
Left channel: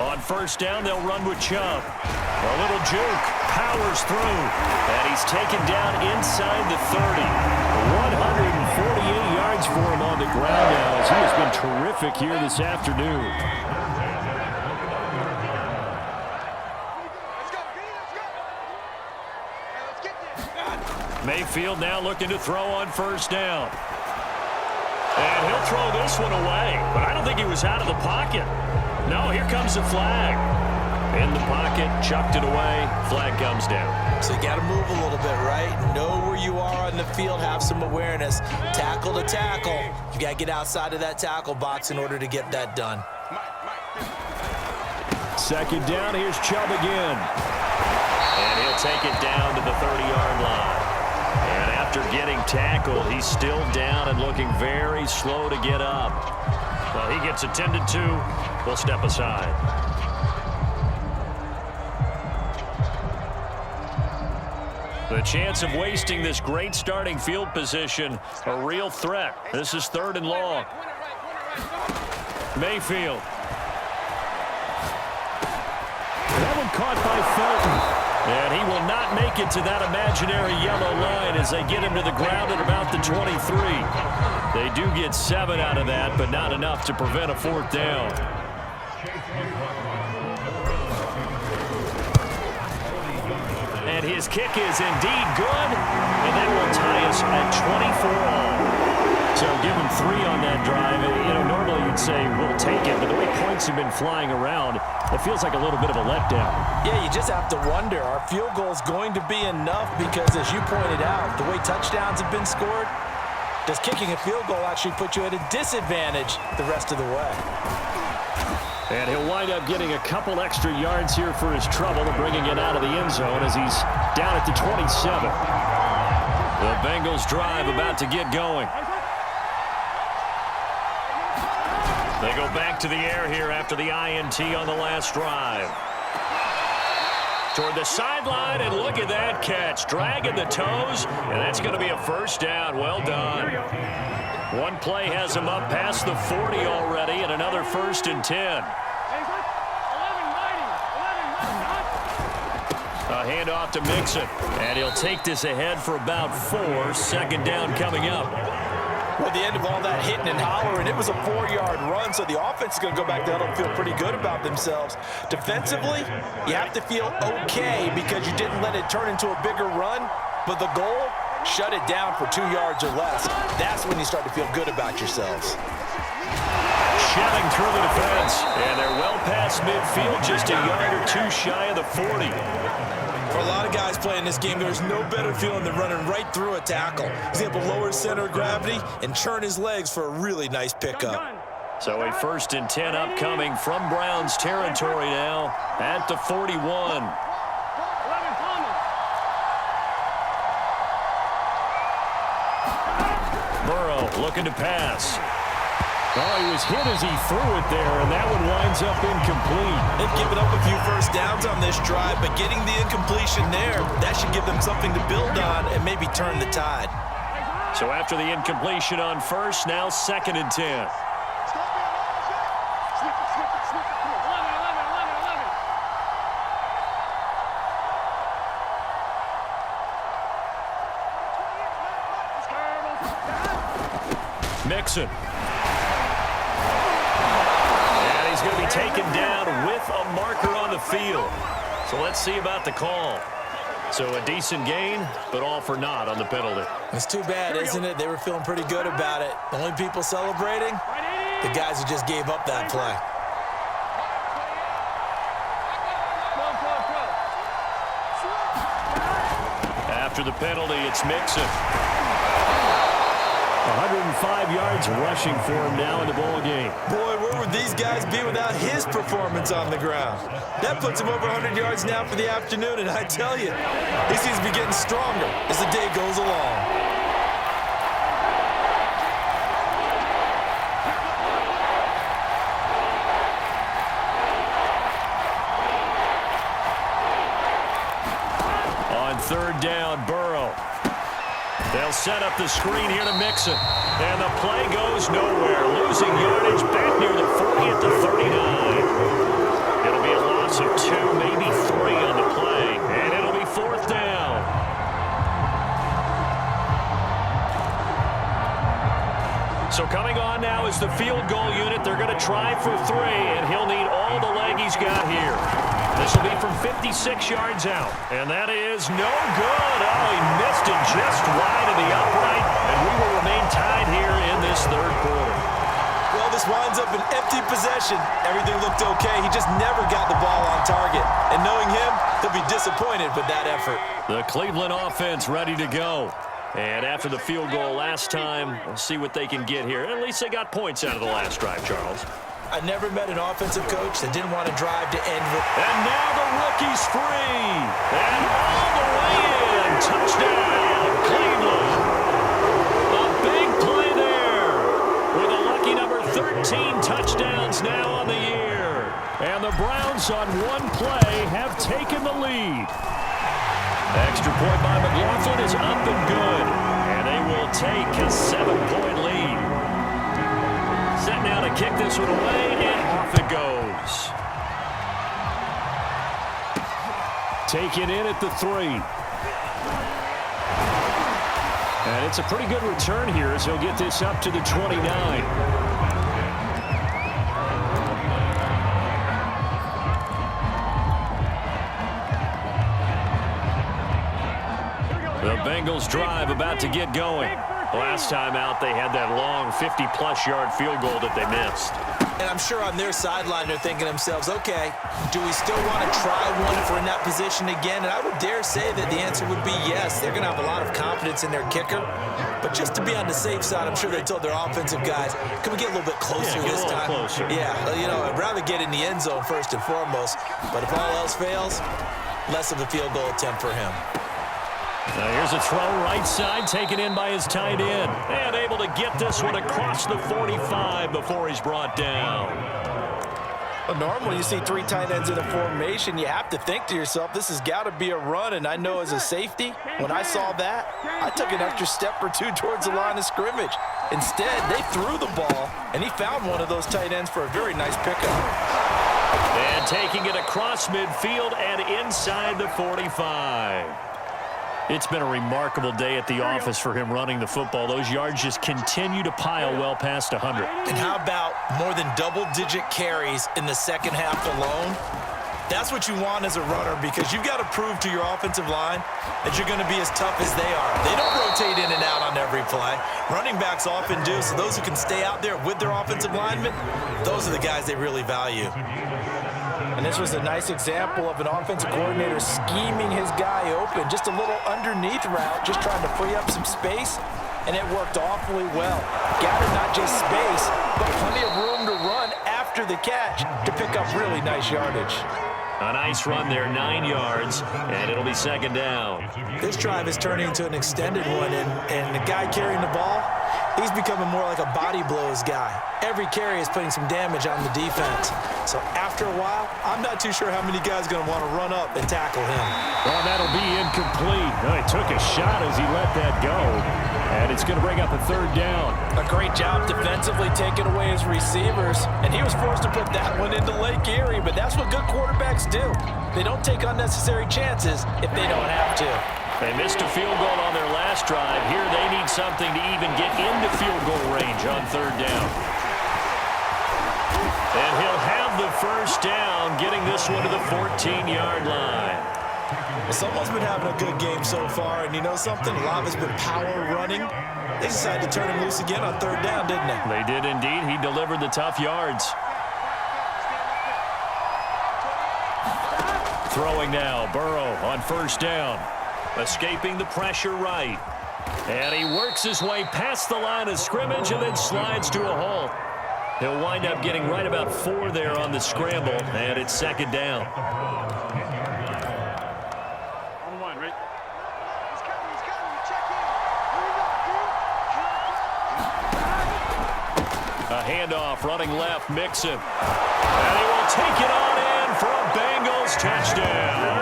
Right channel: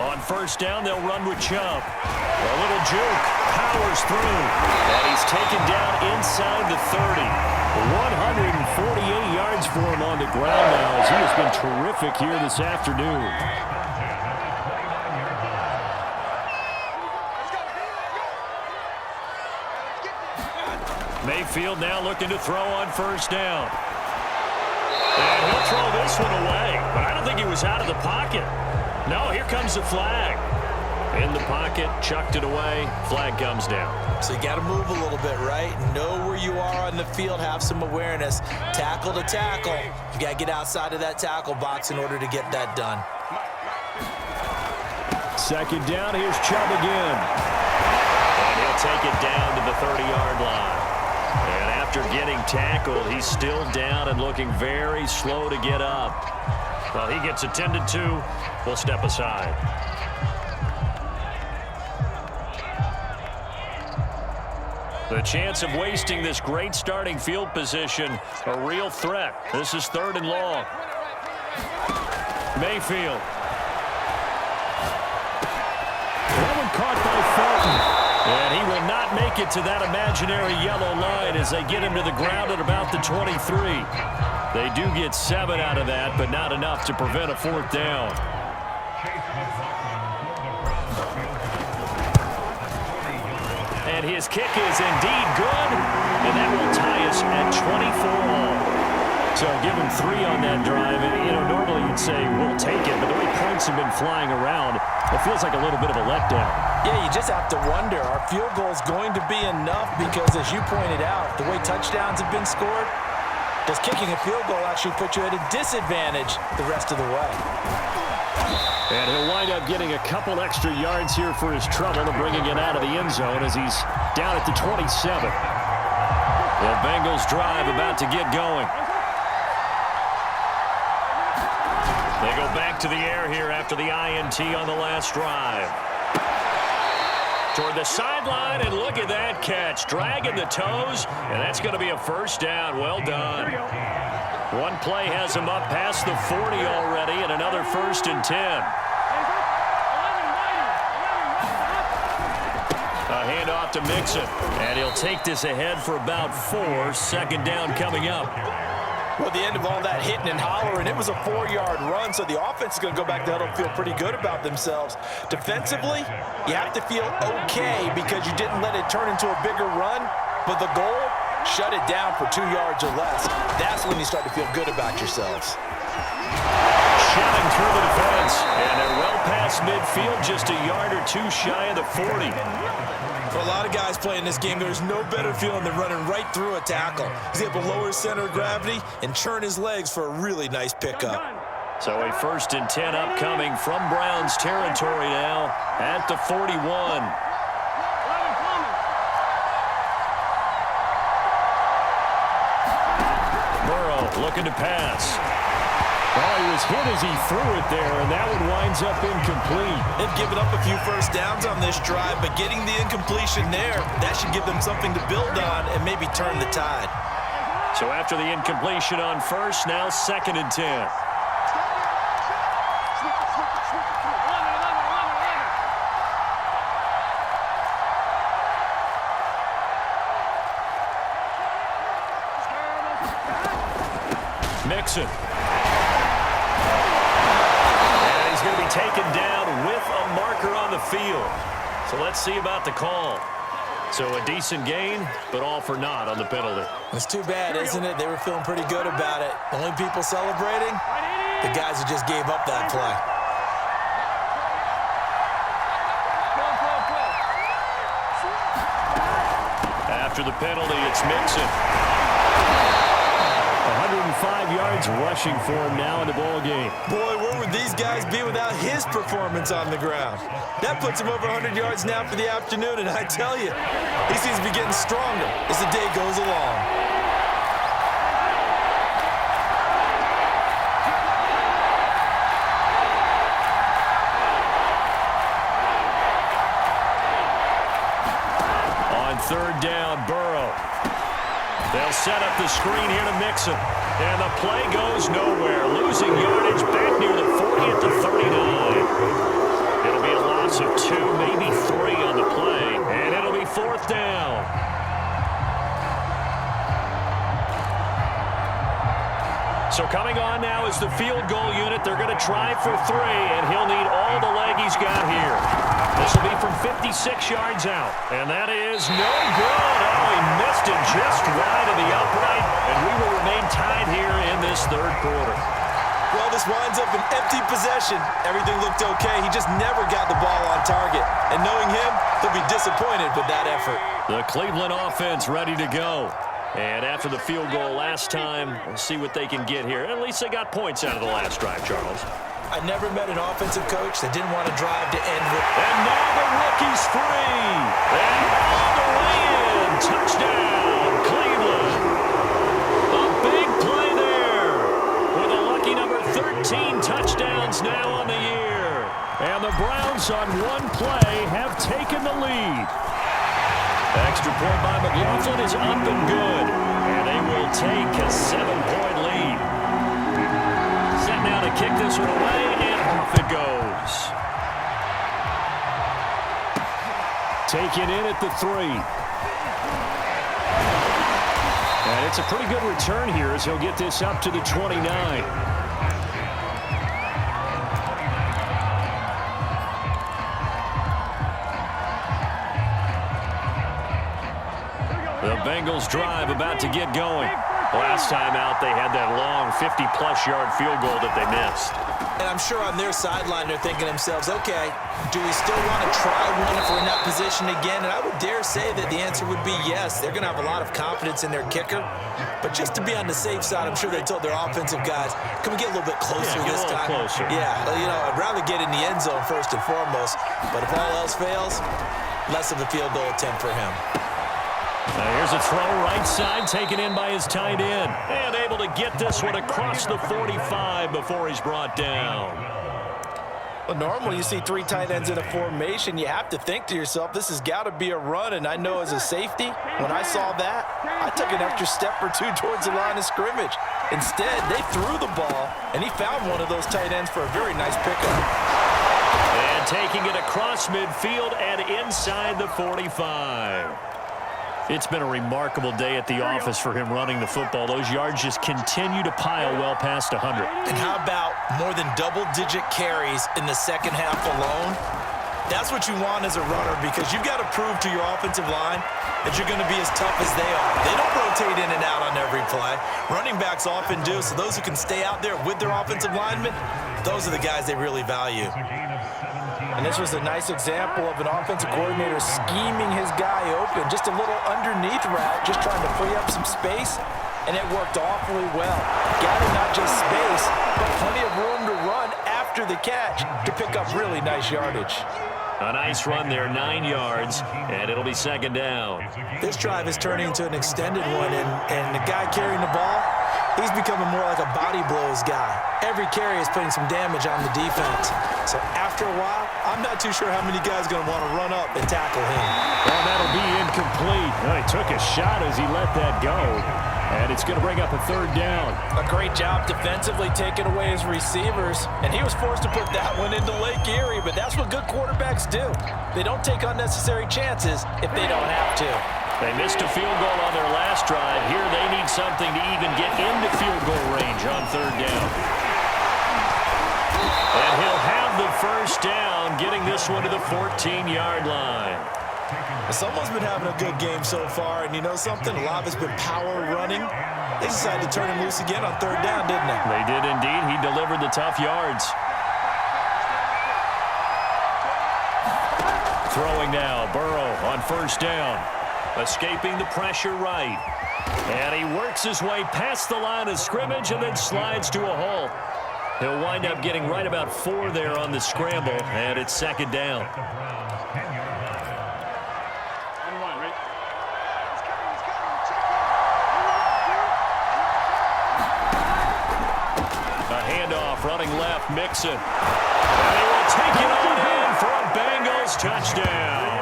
On first down, they'll run with Chubb. A little juke, powers through, and he's taken down inside the 30. 148 yards for him on the ground now as he has been terrific here this afternoon. Mayfield now looking to throw on first down. And he'll throw this one away, but I don't think he was out of the pocket. No, here comes the flag. In the pocket, chucked it away, flag comes down. So you got to move a little bit, right? Know where you are on the field, have some awareness. Tackle to tackle. You got to get outside of that tackle box in order to get that done. Second down, here's Chubb again. And he'll take it down to the 30-yard line. And after getting tackled, he's still down and looking very slow to get up. Well, he gets attended to. We'll step aside. The chance of wasting this great starting field position, a real threat. This is third and long. Mayfield. That one caught by Felton. And he will not make it to that imaginary yellow line as they get him to the ground at about the 23. They do get 7 out of that, but not enough to prevent a fourth down. And his kick is indeed good, and that will tie us at 24 all. So give him 3 on that drive. And, you know, normally you'd say, we'll take it. But the way points have been flying around, it feels like a little bit of a letdown. Yeah, you just have to wonder, are field goals going to be enough? Because as you pointed out, the way touchdowns have been scored, does kicking a field goal actually put you at a disadvantage the rest of the way? And he'll wind up getting a couple extra yards here for his trouble and bringing it out of the end zone as he's down at the 27. The Bengals drive about to get going. They go back to the air here after the INT on the last drive. Toward the sideline, and look at that catch. Dragging the toes, and that's going to be a first down. Well done. One play has him up past the 40 already, and another 1st and 10. A handoff to Mixon, and he'll take this ahead for about 4. Second down coming up. Well, at the end of all that hitting and hollering, it was a 4-yard run, so the offense is going to go back there and feel pretty good about themselves. Defensively, you have to feel okay because you didn't let it turn into a bigger run, but the goal, shut it down for 2 yards or less. That's when you start to feel good about yourselves. Shelling through the defense, and they're well past midfield, just a yard or 2 shy of the 40. For a lot of guys playing this game, there's no better feeling than running right through a tackle. He's able to lower his center of gravity and churn his legs for a really nice pickup. So a 1st and 10 upcoming from Browns territory now at the 41. Burrow looking to pass. Oh, he was hit as he threw it there, and that one winds up incomplete. They've given up a few first downs on this drive, but getting the incompletion there, that should give them something to build on and maybe turn the tide. So after the incompletion on first, now 2nd and 10. Mixon. And he's going to be taken down with a marker on the field. So let's see about the call. So a decent gain, but all for naught on the penalty. It's too bad, isn't it? They were feeling pretty good about it. The only people celebrating, the guys who just gave up that play. After the penalty, it's Mixon. 105 yards rushing for him now in the ball game. Boy, where would these guys be without his performance on the ground? That puts him over 100 yards now for the afternoon, and I tell you, he seems to be getting stronger as the day goes along. On third down, Burrow. They'll set up the screen here to Mixon. And the play goes nowhere. Losing yardage back near the 40 at the 39. It'll be a loss of 2, maybe 3 on the play. And it'll be fourth down. So coming on now is the field goal unit. They're going to try for 3, and he'll need all the leg he's got here. This will be from 56 yards out, and that is no good. Oh, he missed it just wide of the upright, and we will remain tied here in this third quarter. Well, this winds up an empty possession. Everything looked okay. He just never got the ball on target. And knowing him, he'll be disappointed with that effort. The Cleveland offense ready to go. And after the field goal last time, we'll see what they can get here. At least they got points out of the last drive, Charles. I never met an offensive coach that didn't want to drive to end with. And now the rookie's free. And all the way in. Touchdown, Cleveland. A big play there. With a lucky number 13 touchdowns now on the year. And the Browns on one play have taken the lead. Extra point by McLaughlin is up and good. And they will take a 7-point lead. Set now to kick this one away, and off it goes. Taken in at the 3. And it's a pretty good return here as he'll get this up to the 29. The Bengals drive about to get going. Last time out, they had that long 50-plus yard field goal that they missed. And I'm sure on their sideline, they're thinking to themselves, okay, do we still want to try one if we're in that position again? And I would dare say that the answer would be yes. They're going to have a lot of confidence in their kicker. But just to be on the safe side, I'm sure they told their offensive guys, can we get a little bit closer this time? Closer. Yeah, you know, I'd rather get in the end zone first and foremost. But if all else fails, less of a field goal attempt for him. Here's a throw right side, taken in by his tight end. And able to get this one across the 45 before he's brought down. Well, normally you see 3 tight ends in a formation, you have to think to yourself, this has got to be a run. And I know as a safety, when I saw that, I took an extra step or 2 towards the line of scrimmage. Instead, they threw the ball, and he found one of those tight ends for a very nice pickup. And taking it across midfield and inside the 45. It's been a remarkable day at the office for him running the football. Those yards just continue to pile well past 100. And how about more than double-digit carries in the second half alone? That's what you want as a runner, because you've got to prove to your offensive line that you're going to be as tough as they are. They don't rotate in and out on every play. Running backs often do, so those who can stay out there with their offensive linemen, those are the guys they really value. And this was a nice example of an offensive coordinator scheming his guy open. Just a little underneath route, just trying to free up some space, and it worked awfully well. Gathered not just space, but plenty of room to run after the catch to pick up really nice yardage. A nice run there, 9 yards, and it'll be second down. This drive is turning into an extended one, and the guy carrying the ball, he's becoming more like a body blows guy. Every carry is putting some damage on the defense. So after a while, I'm not too sure how many guys are going to want to run up and tackle him. Well, that'll be incomplete. Well, he took a shot as he let that go. And it's going to bring up a third down. A great job defensively taking away his receivers. And he was forced to put that one into Lake Erie, but that's what good quarterbacks do. They don't take unnecessary chances if they don't have to. They missed a field goal on their last drive. Here they need something to even get into field goal range on third down. And he'll have the first down, getting this one to the 14-yard line. Well, someone's been having a good game so far, and you know something? A lot of it's been power running. They decided to turn him loose again on third down, didn't they? They did indeed. He delivered the tough yards. Throwing now, Burrow on first down. Escaping the pressure right. And he works his way past the line of scrimmage and then slides to a halt. He'll wind up getting right about 4 there on the scramble, and it's second down. On one, right? He's coming. Check in. A handoff running left, Mixon. And he will take it on in for a Bengals touchdown.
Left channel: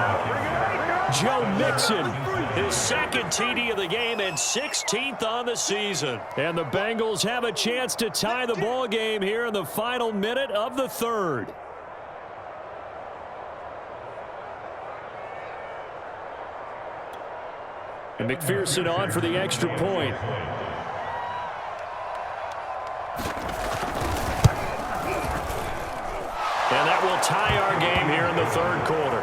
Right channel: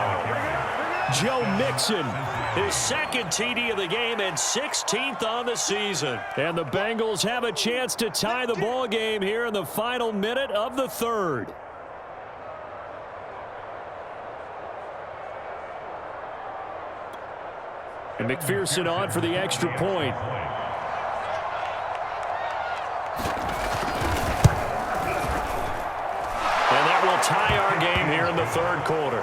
Joe Mixon, his second TD of the game and 16th on the season. And the Bengals have a chance to tie the ball game here in the final minute of the third. And McPherson on for the extra point. And that will tie our game here in the third quarter.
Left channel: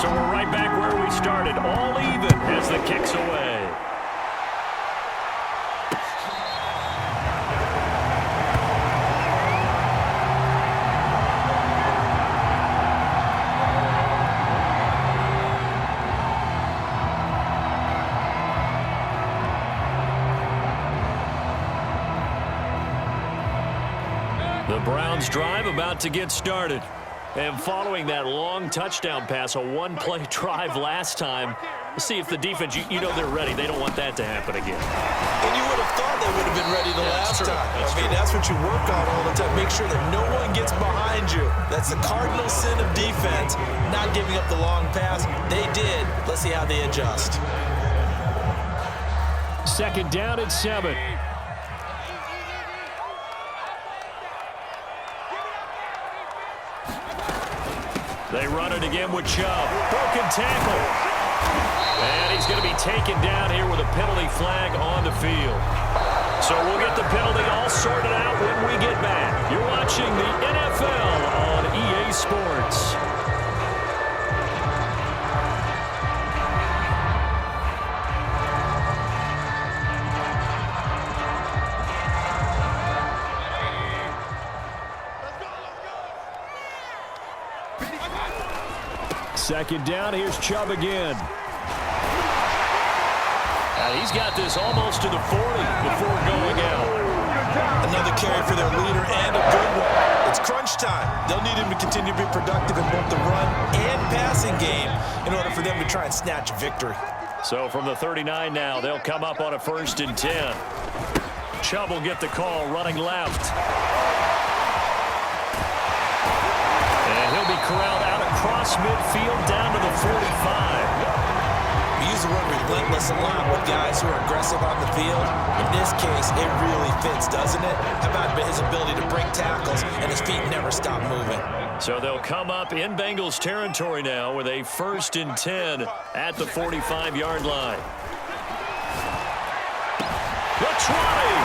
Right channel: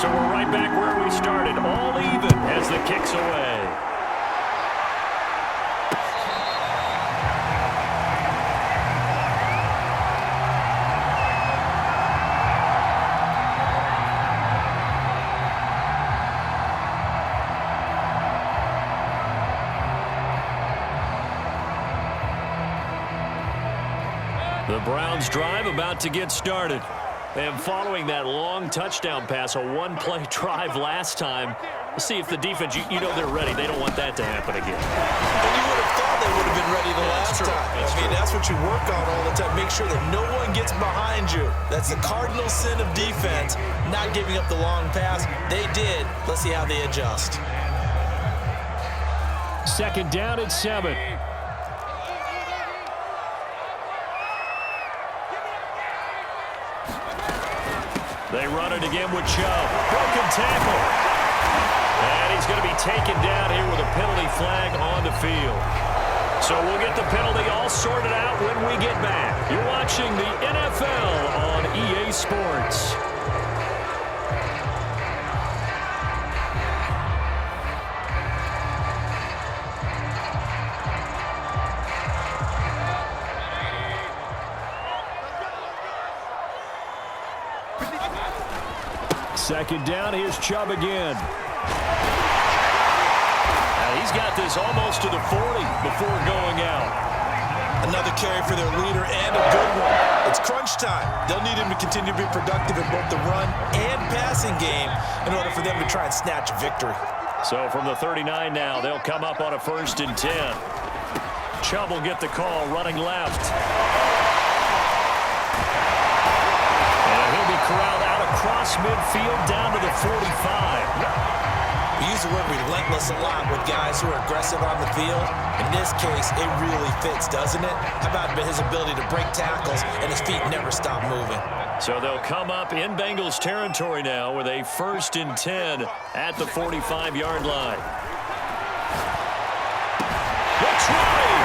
So we're right back where we started, all even as the kick's away. The Browns drive about to get started. And following that long touchdown pass, a one-play drive last time, we'll see if the defense, you know they're ready. They don't want that to happen again. And you would have thought they would have been ready the last time. That's what you work on all the time. Make sure that no one gets behind you. That's the cardinal sin of defense, not giving up the long pass. They did. Let's see how they adjust. Second down and 7. They run it again with Chubb. Broken tackle. And he's going to be taken down here with a penalty flag on the field. So we'll get the penalty all sorted out when we get back. You're watching the NFL on EA Sports. Second down, here's Chubb again. And he's got this almost to the 40 before going out. Another carry for their leader and a good one. It's crunch time. They'll need him to continue to be productive in both the run and passing game in order for them to try and snatch a victory. So from the 39 now, they'll come up on a 1st and 10. Chubb will get the call running left. And he'll be corralled out across midfield down to the 45. We use the word relentless a lot with guys who are aggressive on the field. In this case, it really fits, doesn't it? How about his ability to break tackles and his feet never stop moving? So they'll come up in Bengals territory now with a 1st and 10 at the 45-yard line. Looks running.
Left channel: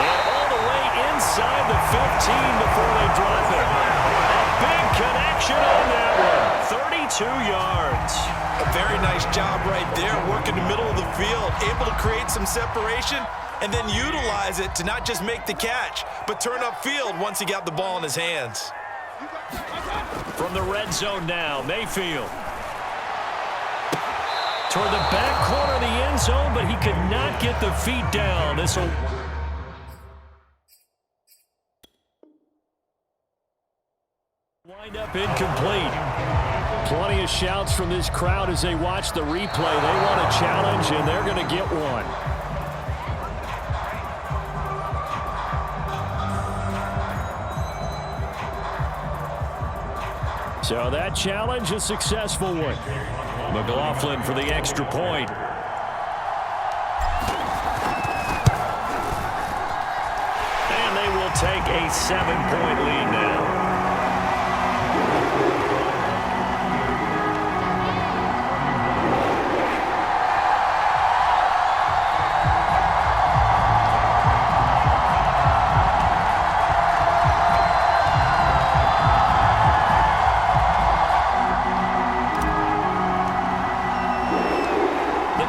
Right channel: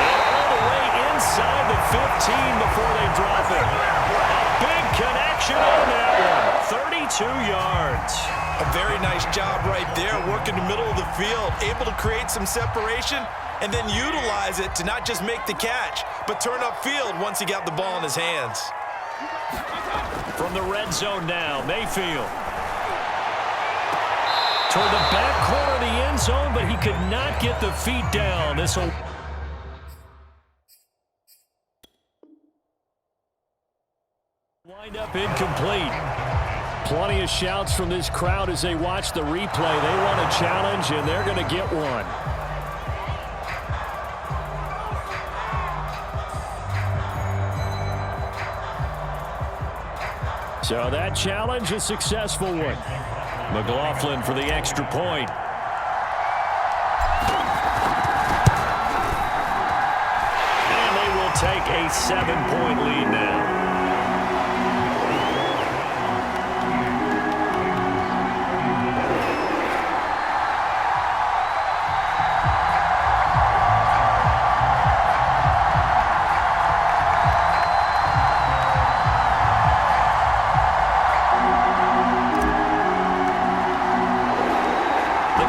And all the way inside the 15 before they drop it. A big connection on that one. 32 yards. A very nice job right there, working the middle of the field, able to create some separation and then utilize it to not just make the catch, but turn upfield once he got the ball in his hands. From the red zone now, Mayfield. Toward the back corner of the end zone, but he could not get the feet down. This will wind up incomplete. Plenty of shouts from this crowd as they watch the replay. They want a challenge, and they're going to get one. So that challenge, a successful one. McLaughlin for the extra point. And they will take a 7-point lead now.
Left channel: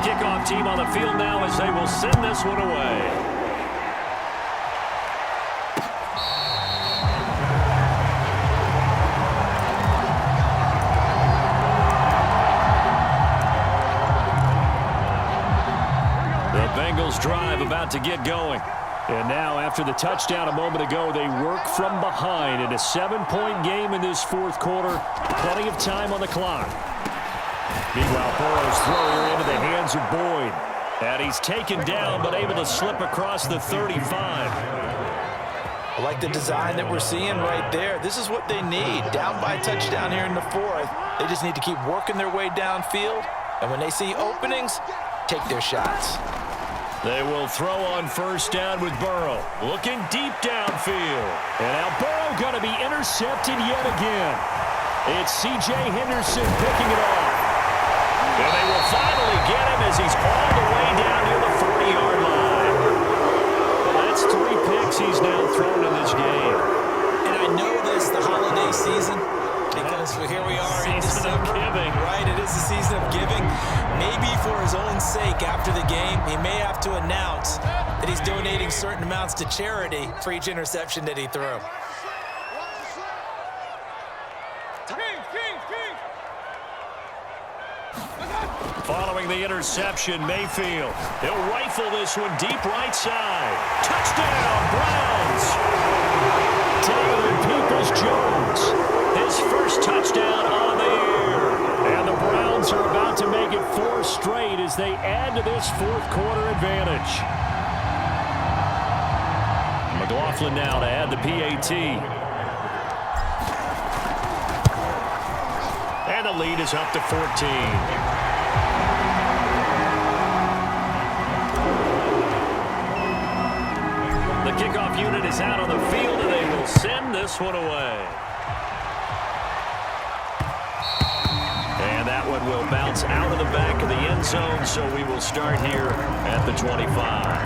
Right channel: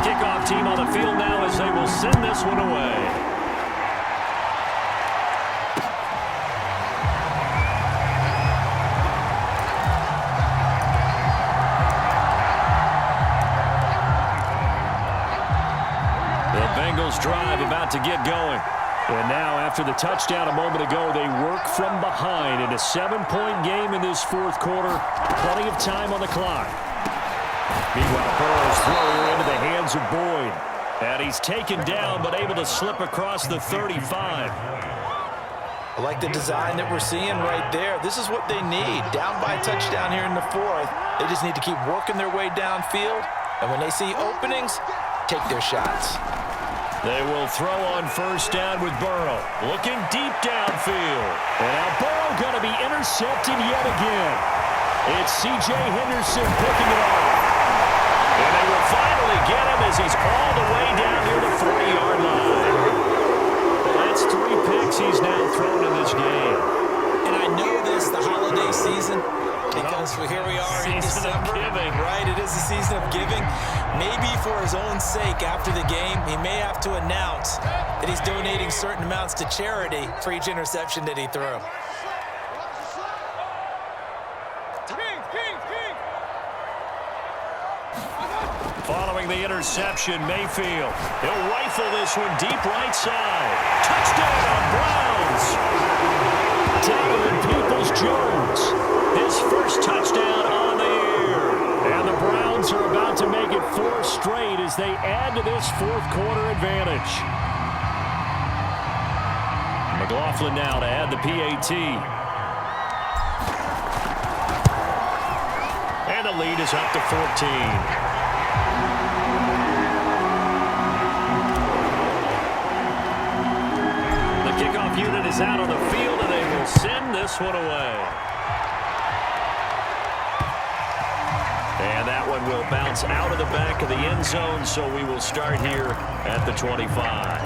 kickoff team on the field now as they will send this one away. The Bengals drive about to get going. And now, after the touchdown a moment ago, they work from behind in a 7-point game in this fourth quarter. Plenty of time on the clock. Meanwhile, Burrow's throw here into the hands of Boyd. And he's taken down, but able to slip across the 35. I like the design that we're seeing right there. This is what they need. Down by a touchdown here in the fourth. They just need to keep working their way downfield. And when they see openings, take their shots. They will throw on first down with Burrow. Looking deep downfield. And now Burrow going to be intercepted yet again. It's C.J. Henderson picking it off. And they will finally get him as he's all the way down near the 40-yard line. Well, that's 3 picks he's now thrown in this game. And I know this, the holiday season, because here we are in December. Giving. Right, it is the season of giving. Maybe for his own sake after the game, he may have to announce that he's donating certain amounts to charity for each interception that he threw. Following the interception, Mayfield. He'll rifle this one deep right side. Touchdown, Browns! Donovan Peoples-Jones. His first touchdown on the year. And the Browns are about to make it 4 straight as they add to this fourth quarter advantage. McLaughlin now to add the PAT. And the lead is up to 14. The kickoff unit is out on the field, and they will send this one away. And that one will bounce out of the back of the end zone, so we will start here at the 25.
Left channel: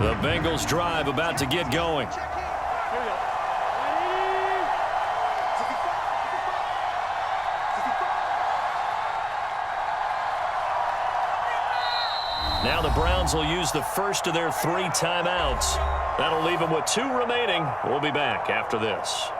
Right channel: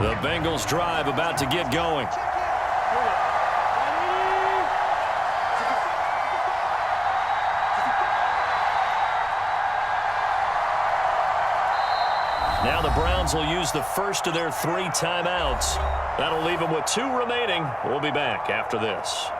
The Bengals drive about to get going. Now the Browns will use the first of their 3 timeouts. That'll leave them with 2 remaining. We'll be back after this.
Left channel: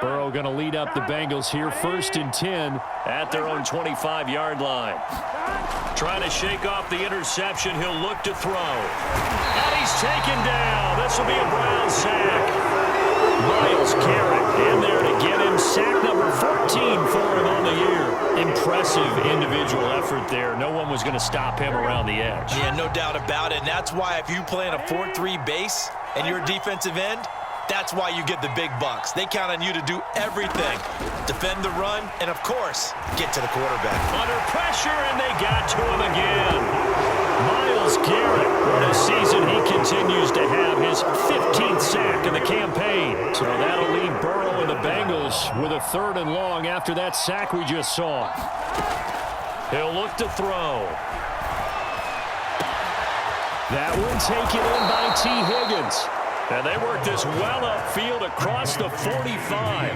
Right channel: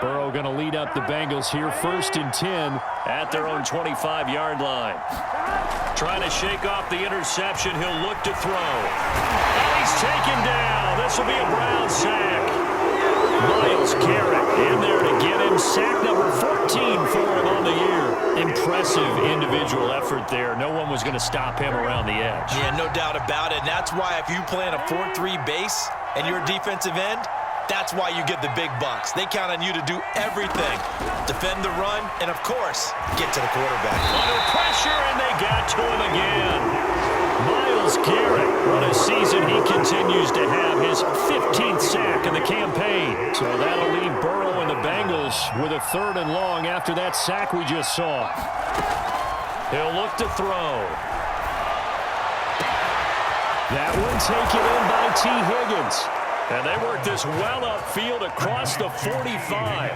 Burrow going to lead up the Bengals here, 1st and 10 at their own 25-yard line. Trying to shake off the interception. He'll look to throw. And he's taken down. This will be a Brown sack. Myles Garrett in there to get him. Sack number 14 for him on the year. Impressive individual effort there. No one was going to stop him around the edge. Yeah, no doubt about it. And that's why if you play in a 4-3 base and you're a defensive end, that's why you get the big bucks. They count on you to do everything. Defend the run, and of course, get to the quarterback. Under pressure, and they got to him again. Myles Garrett, what a season he continues to have. His 15th sack in the campaign. So that'll leave Burrow and the Bengals with a 3rd and long after that sack we just saw. He'll look to throw. That one taken in by T. Higgins. And they work this well upfield across the 45.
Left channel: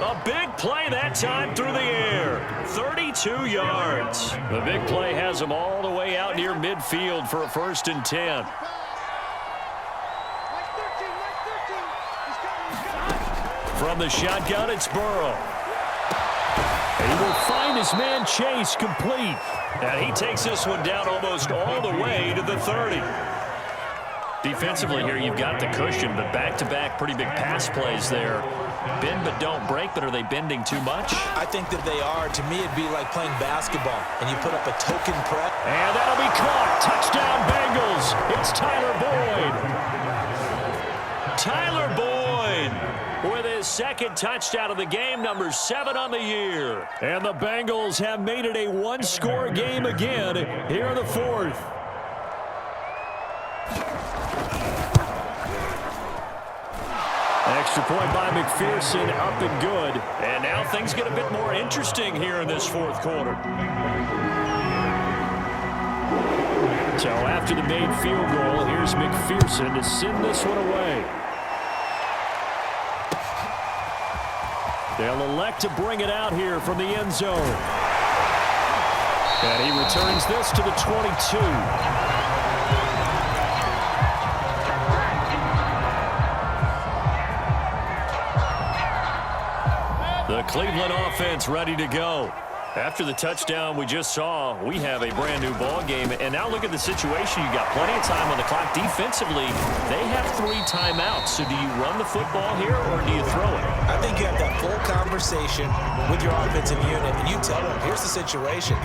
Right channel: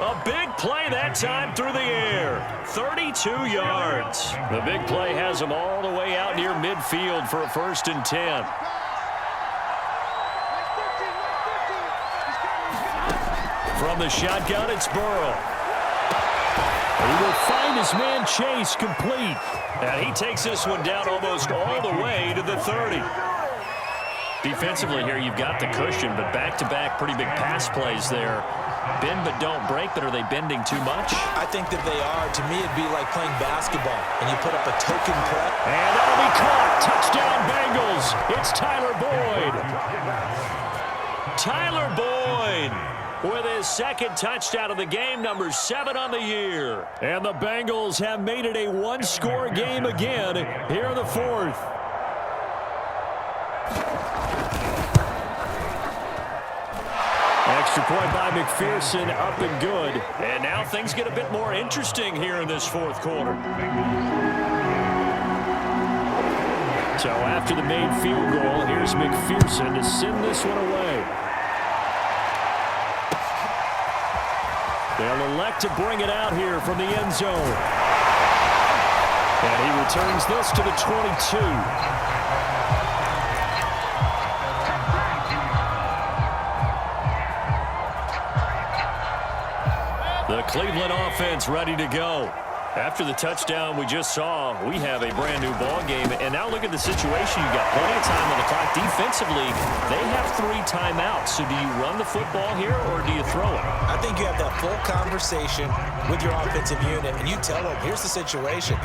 A big play that time through the air. 32 yards. The big play has them all the way out near midfield for a 1st and 10. From the shotgun, it's Burrow. And he will find his man Chase complete. And he takes this one down almost all the way to the 30. Defensively here, you've got the cushion, but back-to-back pretty big pass plays there. Bend but don't break, but are they bending too much? I think that they are. To me, it'd be like playing basketball, and you put up a token press. And that'll be caught. Touchdown, Bengals. It's Tyler Boyd. Tyler Boyd with his 2nd touchdown of the game, number 7 on the year. And the Bengals have made it a 1-score game again here in the 4th. Extra point by McPherson, up and good. And now things get a bit more interesting here in this fourth quarter. So after the made field goal, here's McPherson to send this one away. They'll elect to bring it out here from the end zone. And he returns this to the 22. The Cleveland offense ready to go. After the touchdown we just saw, we have a brand new ball game. And now look at the situation. You got plenty of time on the clock. Defensively, they have 3 timeouts. So do you run the football here or do you throw it? I think you have that full conversation with your offensive unit, and you tell them, here's the situation.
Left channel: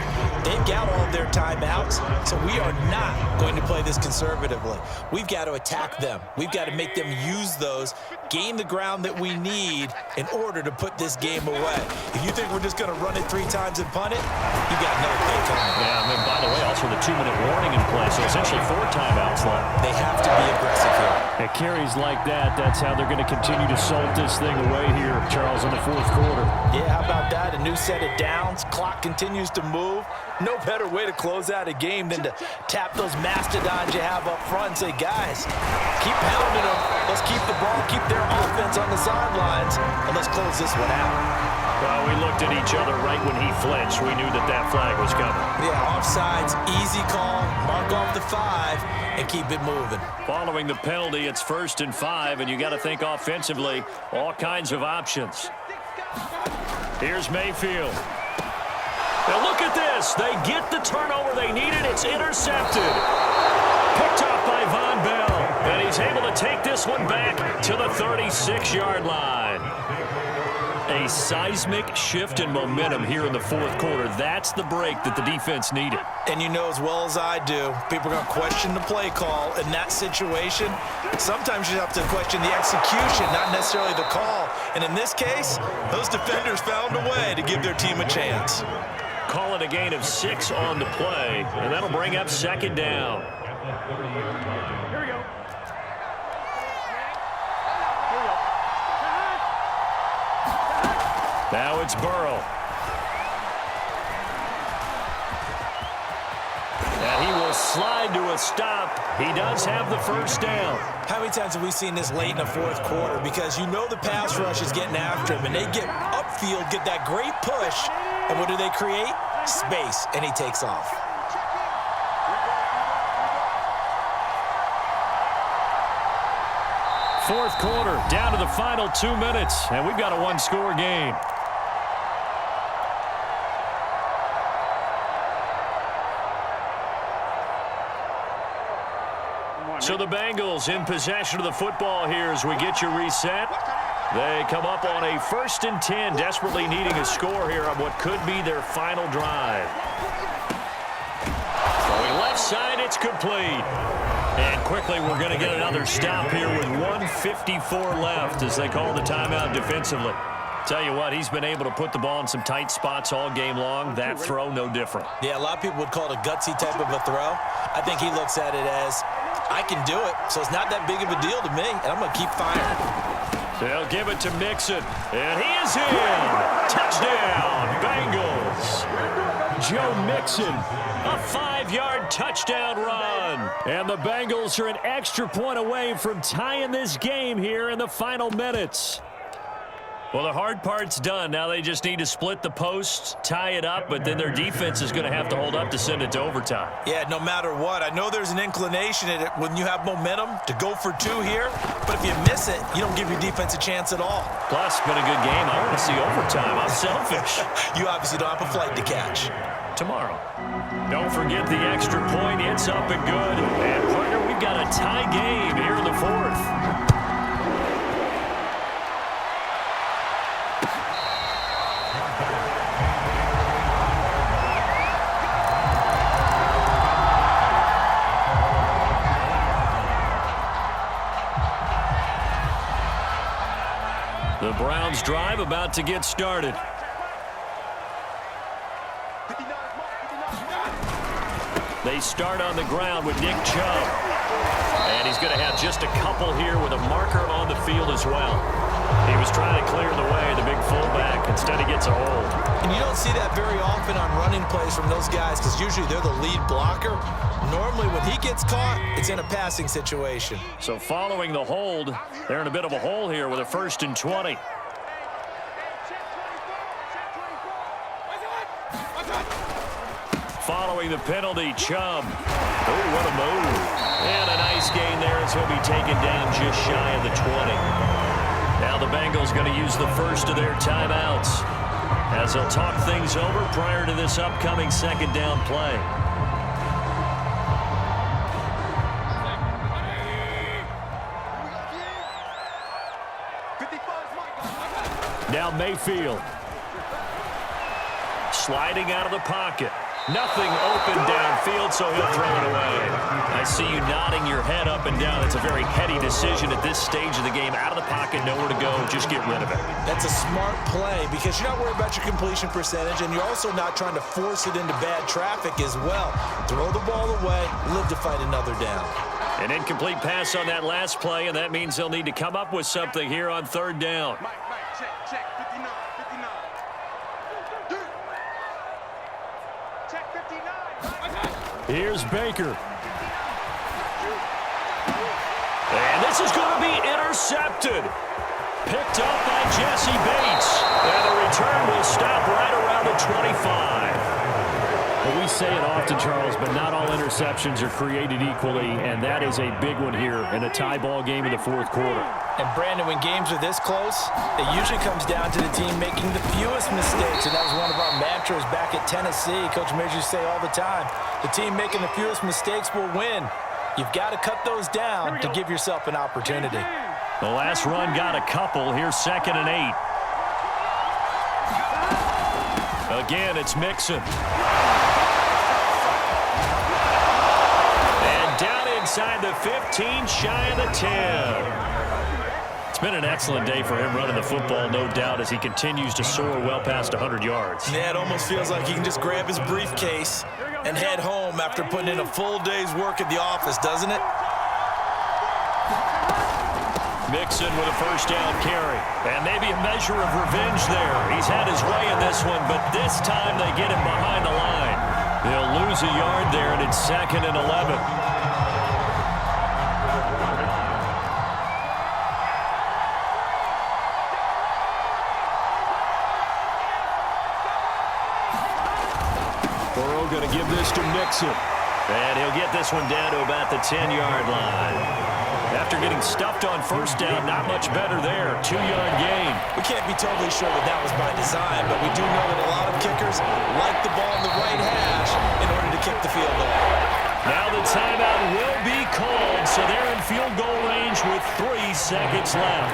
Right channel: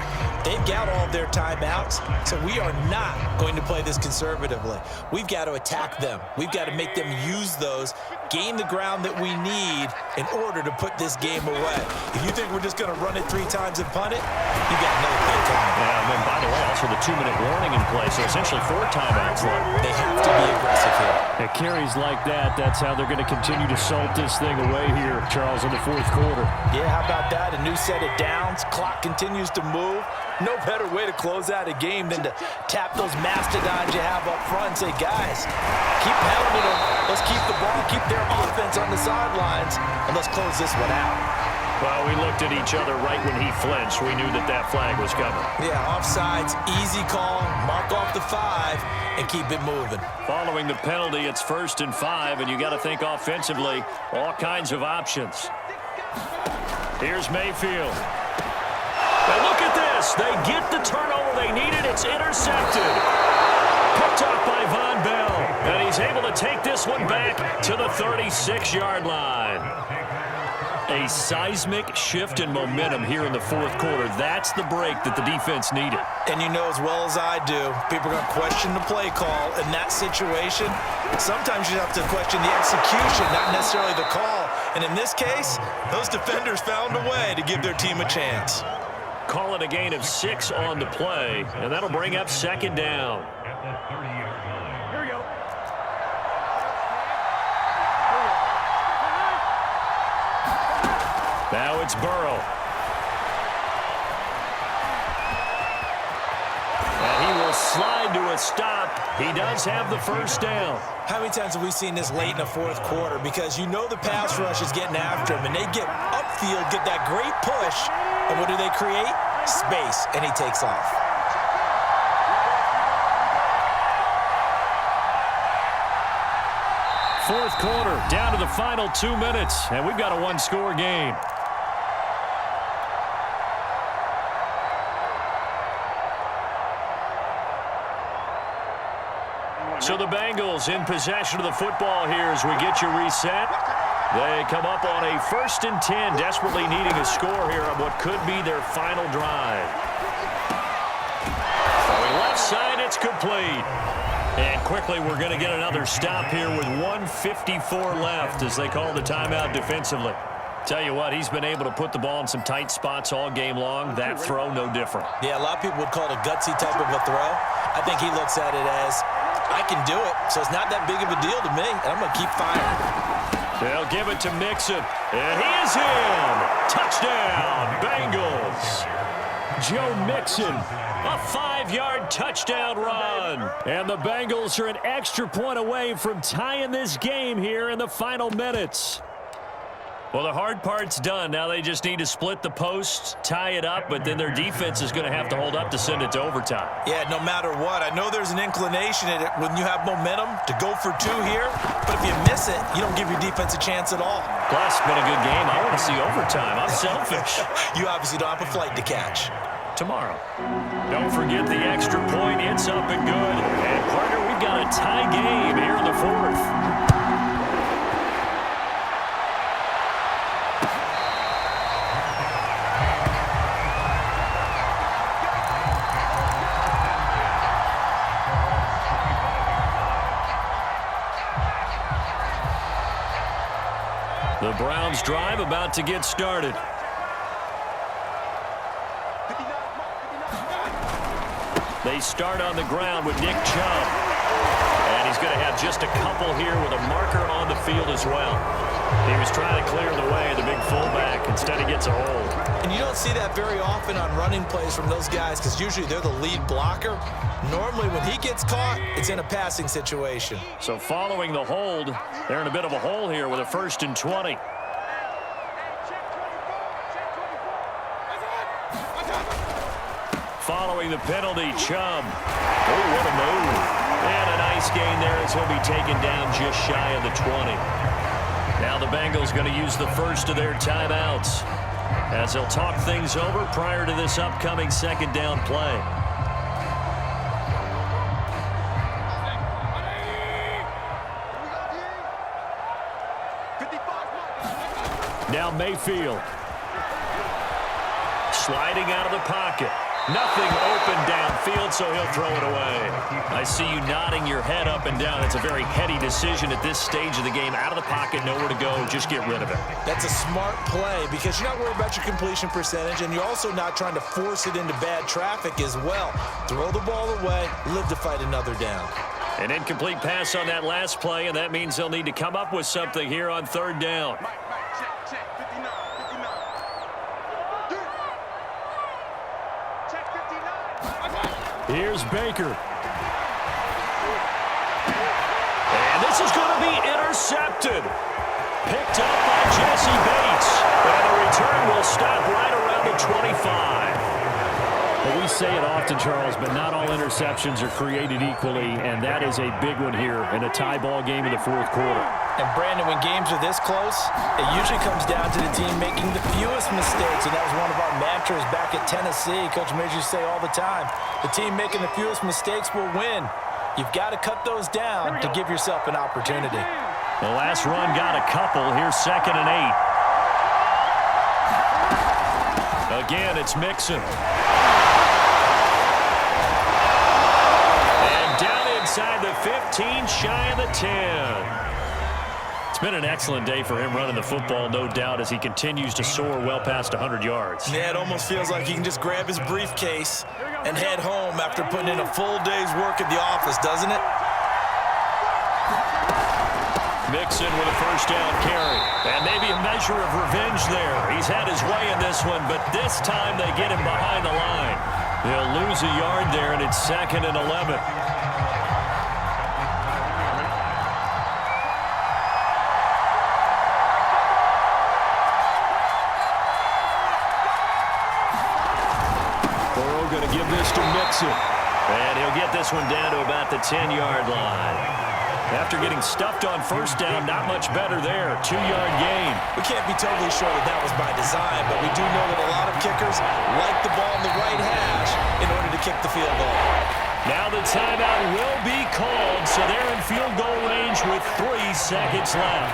They've got all of their timeouts, so we are not going to play this conservatively. We've got to attack them. We've got to make them use those, gain the ground that we need in order to put this game away. If you think we're just going to run it 3 times and punt it, you got another thing coming. Yeah, and then by the way, also the 2-minute warning in play, so essentially 4 timeouts left. They have to be aggressive here. At carries like that, that's how they're going to continue to salt this thing away here, Charles, in the fourth quarter. Yeah, how about that? A new set of downs. Clock continues to move. No better way to close out a game than to tap those mastodons you have up front and say, guys, keep pounding them. Let's keep the ball, keep their offense on the sidelines, and let's close this one out. Well, we looked at each other right when he flinched. We knew that flag was coming. Yeah, offsides, easy call, mark off the 5, and keep it moving. Following the penalty, it's 1st and 5, and you got to think offensively, all kinds of options. Here's Mayfield. Now look at this. They get the turnover they needed. It's intercepted. Picked off by Von Bell. And he's able to take this one back to the 36-yard line. A seismic shift in momentum here in the fourth quarter. That's the break that the defense needed. And you know as well as I do, people are going to question the play call in that situation. Sometimes you have to question the execution, not necessarily the call. And in this case, those defenders found a way to give their team a chance. Call it a gain of 6 on the play, and that'll bring up 2nd down. Here we go. Now it's Burrow. And he will slide to a stop. He does have the 1st down. How many times have we seen this late in the fourth quarter? Because you know the pass rush is getting after him, and they get upfield, get that great push, and what do they create? Space, and he takes off. Fourth quarter, down to the final 2 minutes, and we've got a 1-score game. So the Bengals in possession of the football here as we get you reset. They come up on a 1st and 10, desperately needing a score here on what could be their final drive. Going left side, it's complete. And quickly, we're going to get another stop here with 1:54 left as they call the timeout defensively. Tell you what, he's been able to put the ball in some tight spots all game long. That throw, no different. Yeah, a lot of people would call it a gutsy type of a throw. I think he looks at it as, I can do it, so it's not that big of a deal to me, and I'm going to keep firing. They'll give it to Mixon, and he is in. Touchdown, Bengals. Joe Mixon. A 5-yard touchdown run. And the Bengals are an extra point away from tying this game here in the final minutes. Well, the hard part's done. Now they just need to split the post, tie it up, but then their defense is going to have to hold up to send it to overtime. Yeah, no matter what. I know there's an inclination in it when you have momentum to go for 2 here, but if you miss it, you don't give your defense a chance at all. Plus, been a good game. I want to see overtime. I'm selfish. You obviously don't have a flight to catch. Tomorrow. Don't forget the extra point. It's up and good. And, partner, we've got a tie game here in the fourth. The Browns drive about to get started. They start on the ground with Nick Chubb. And he's going to have just a couple here with a marker on the field as well. He was trying to clear the way, the big fullback. Instead, he gets a hold. And you don't see that very often on running plays from those guys because usually they're the lead blocker. Normally, when he gets caught, it's in a passing situation. So following the hold, they're in a bit of a hole here with a 1st and 20. Following the penalty, Chubb. Oh, what a move. And a nice gain there as he'll be taken down just shy of the 20. Now the Bengals going to use the first of their timeouts as they'll talk things over prior to this upcoming 2nd down play. Now Mayfield. Sliding out of the pocket. Nothing open downfield, so he'll throw it away. I see you nodding your head up and down. It's a very heady decision at this stage of the game. Out of the pocket, nowhere to go. Just get rid of it. That's a smart play because you're not worried about your completion percentage, and you're also not trying to force it into bad traffic as well. Throw the ball away, live to fight another down. An incomplete pass on that last play, and that means they'll need to come up with something here on 3rd down. Mike, check, 59, 59. Check 59. Here's Baker. And this is going to be intercepted. Picked up by Jesse Bates. And the return will stop right around the 25. Well, we say it often, Charles, but not all interceptions are created equally, and that is a big one here in a tie ball game in the 4th quarter. And, Brandon, when games are this close, it usually comes down to the team making the fewest mistakes, and that was one of our mantras back at Tennessee. Coach Majors used to say all the time, the team making the fewest mistakes will win. You've got to cut those down to give yourself an opportunity. The last run got a couple. Here's 2nd and 8. Again, it's Mixon. And down inside the 15, shy of the 10. It's been an excellent day for him running the football, no doubt, as he continues to soar well past 100 yards. Yeah, it almost feels like he can just grab his briefcase and head home after putting in a full day's work at the office, doesn't it? Mixon with a 1st down carry. And maybe a measure of revenge there. He's had his way in this one, but this time they get him behind the line. They'll lose a yard there, and it's 2nd and 11. Going to give this to Mixon. And he'll get this one down to about the 10-yard line. After getting stuffed on 1st down, not much better there. 2-yard gain. We can't be totally sure that that was by design, but we do know that a lot of kickers like the ball in the right hash in order to kick the field goal. Now the timeout will be called, so they're in field goal range with 3 seconds left.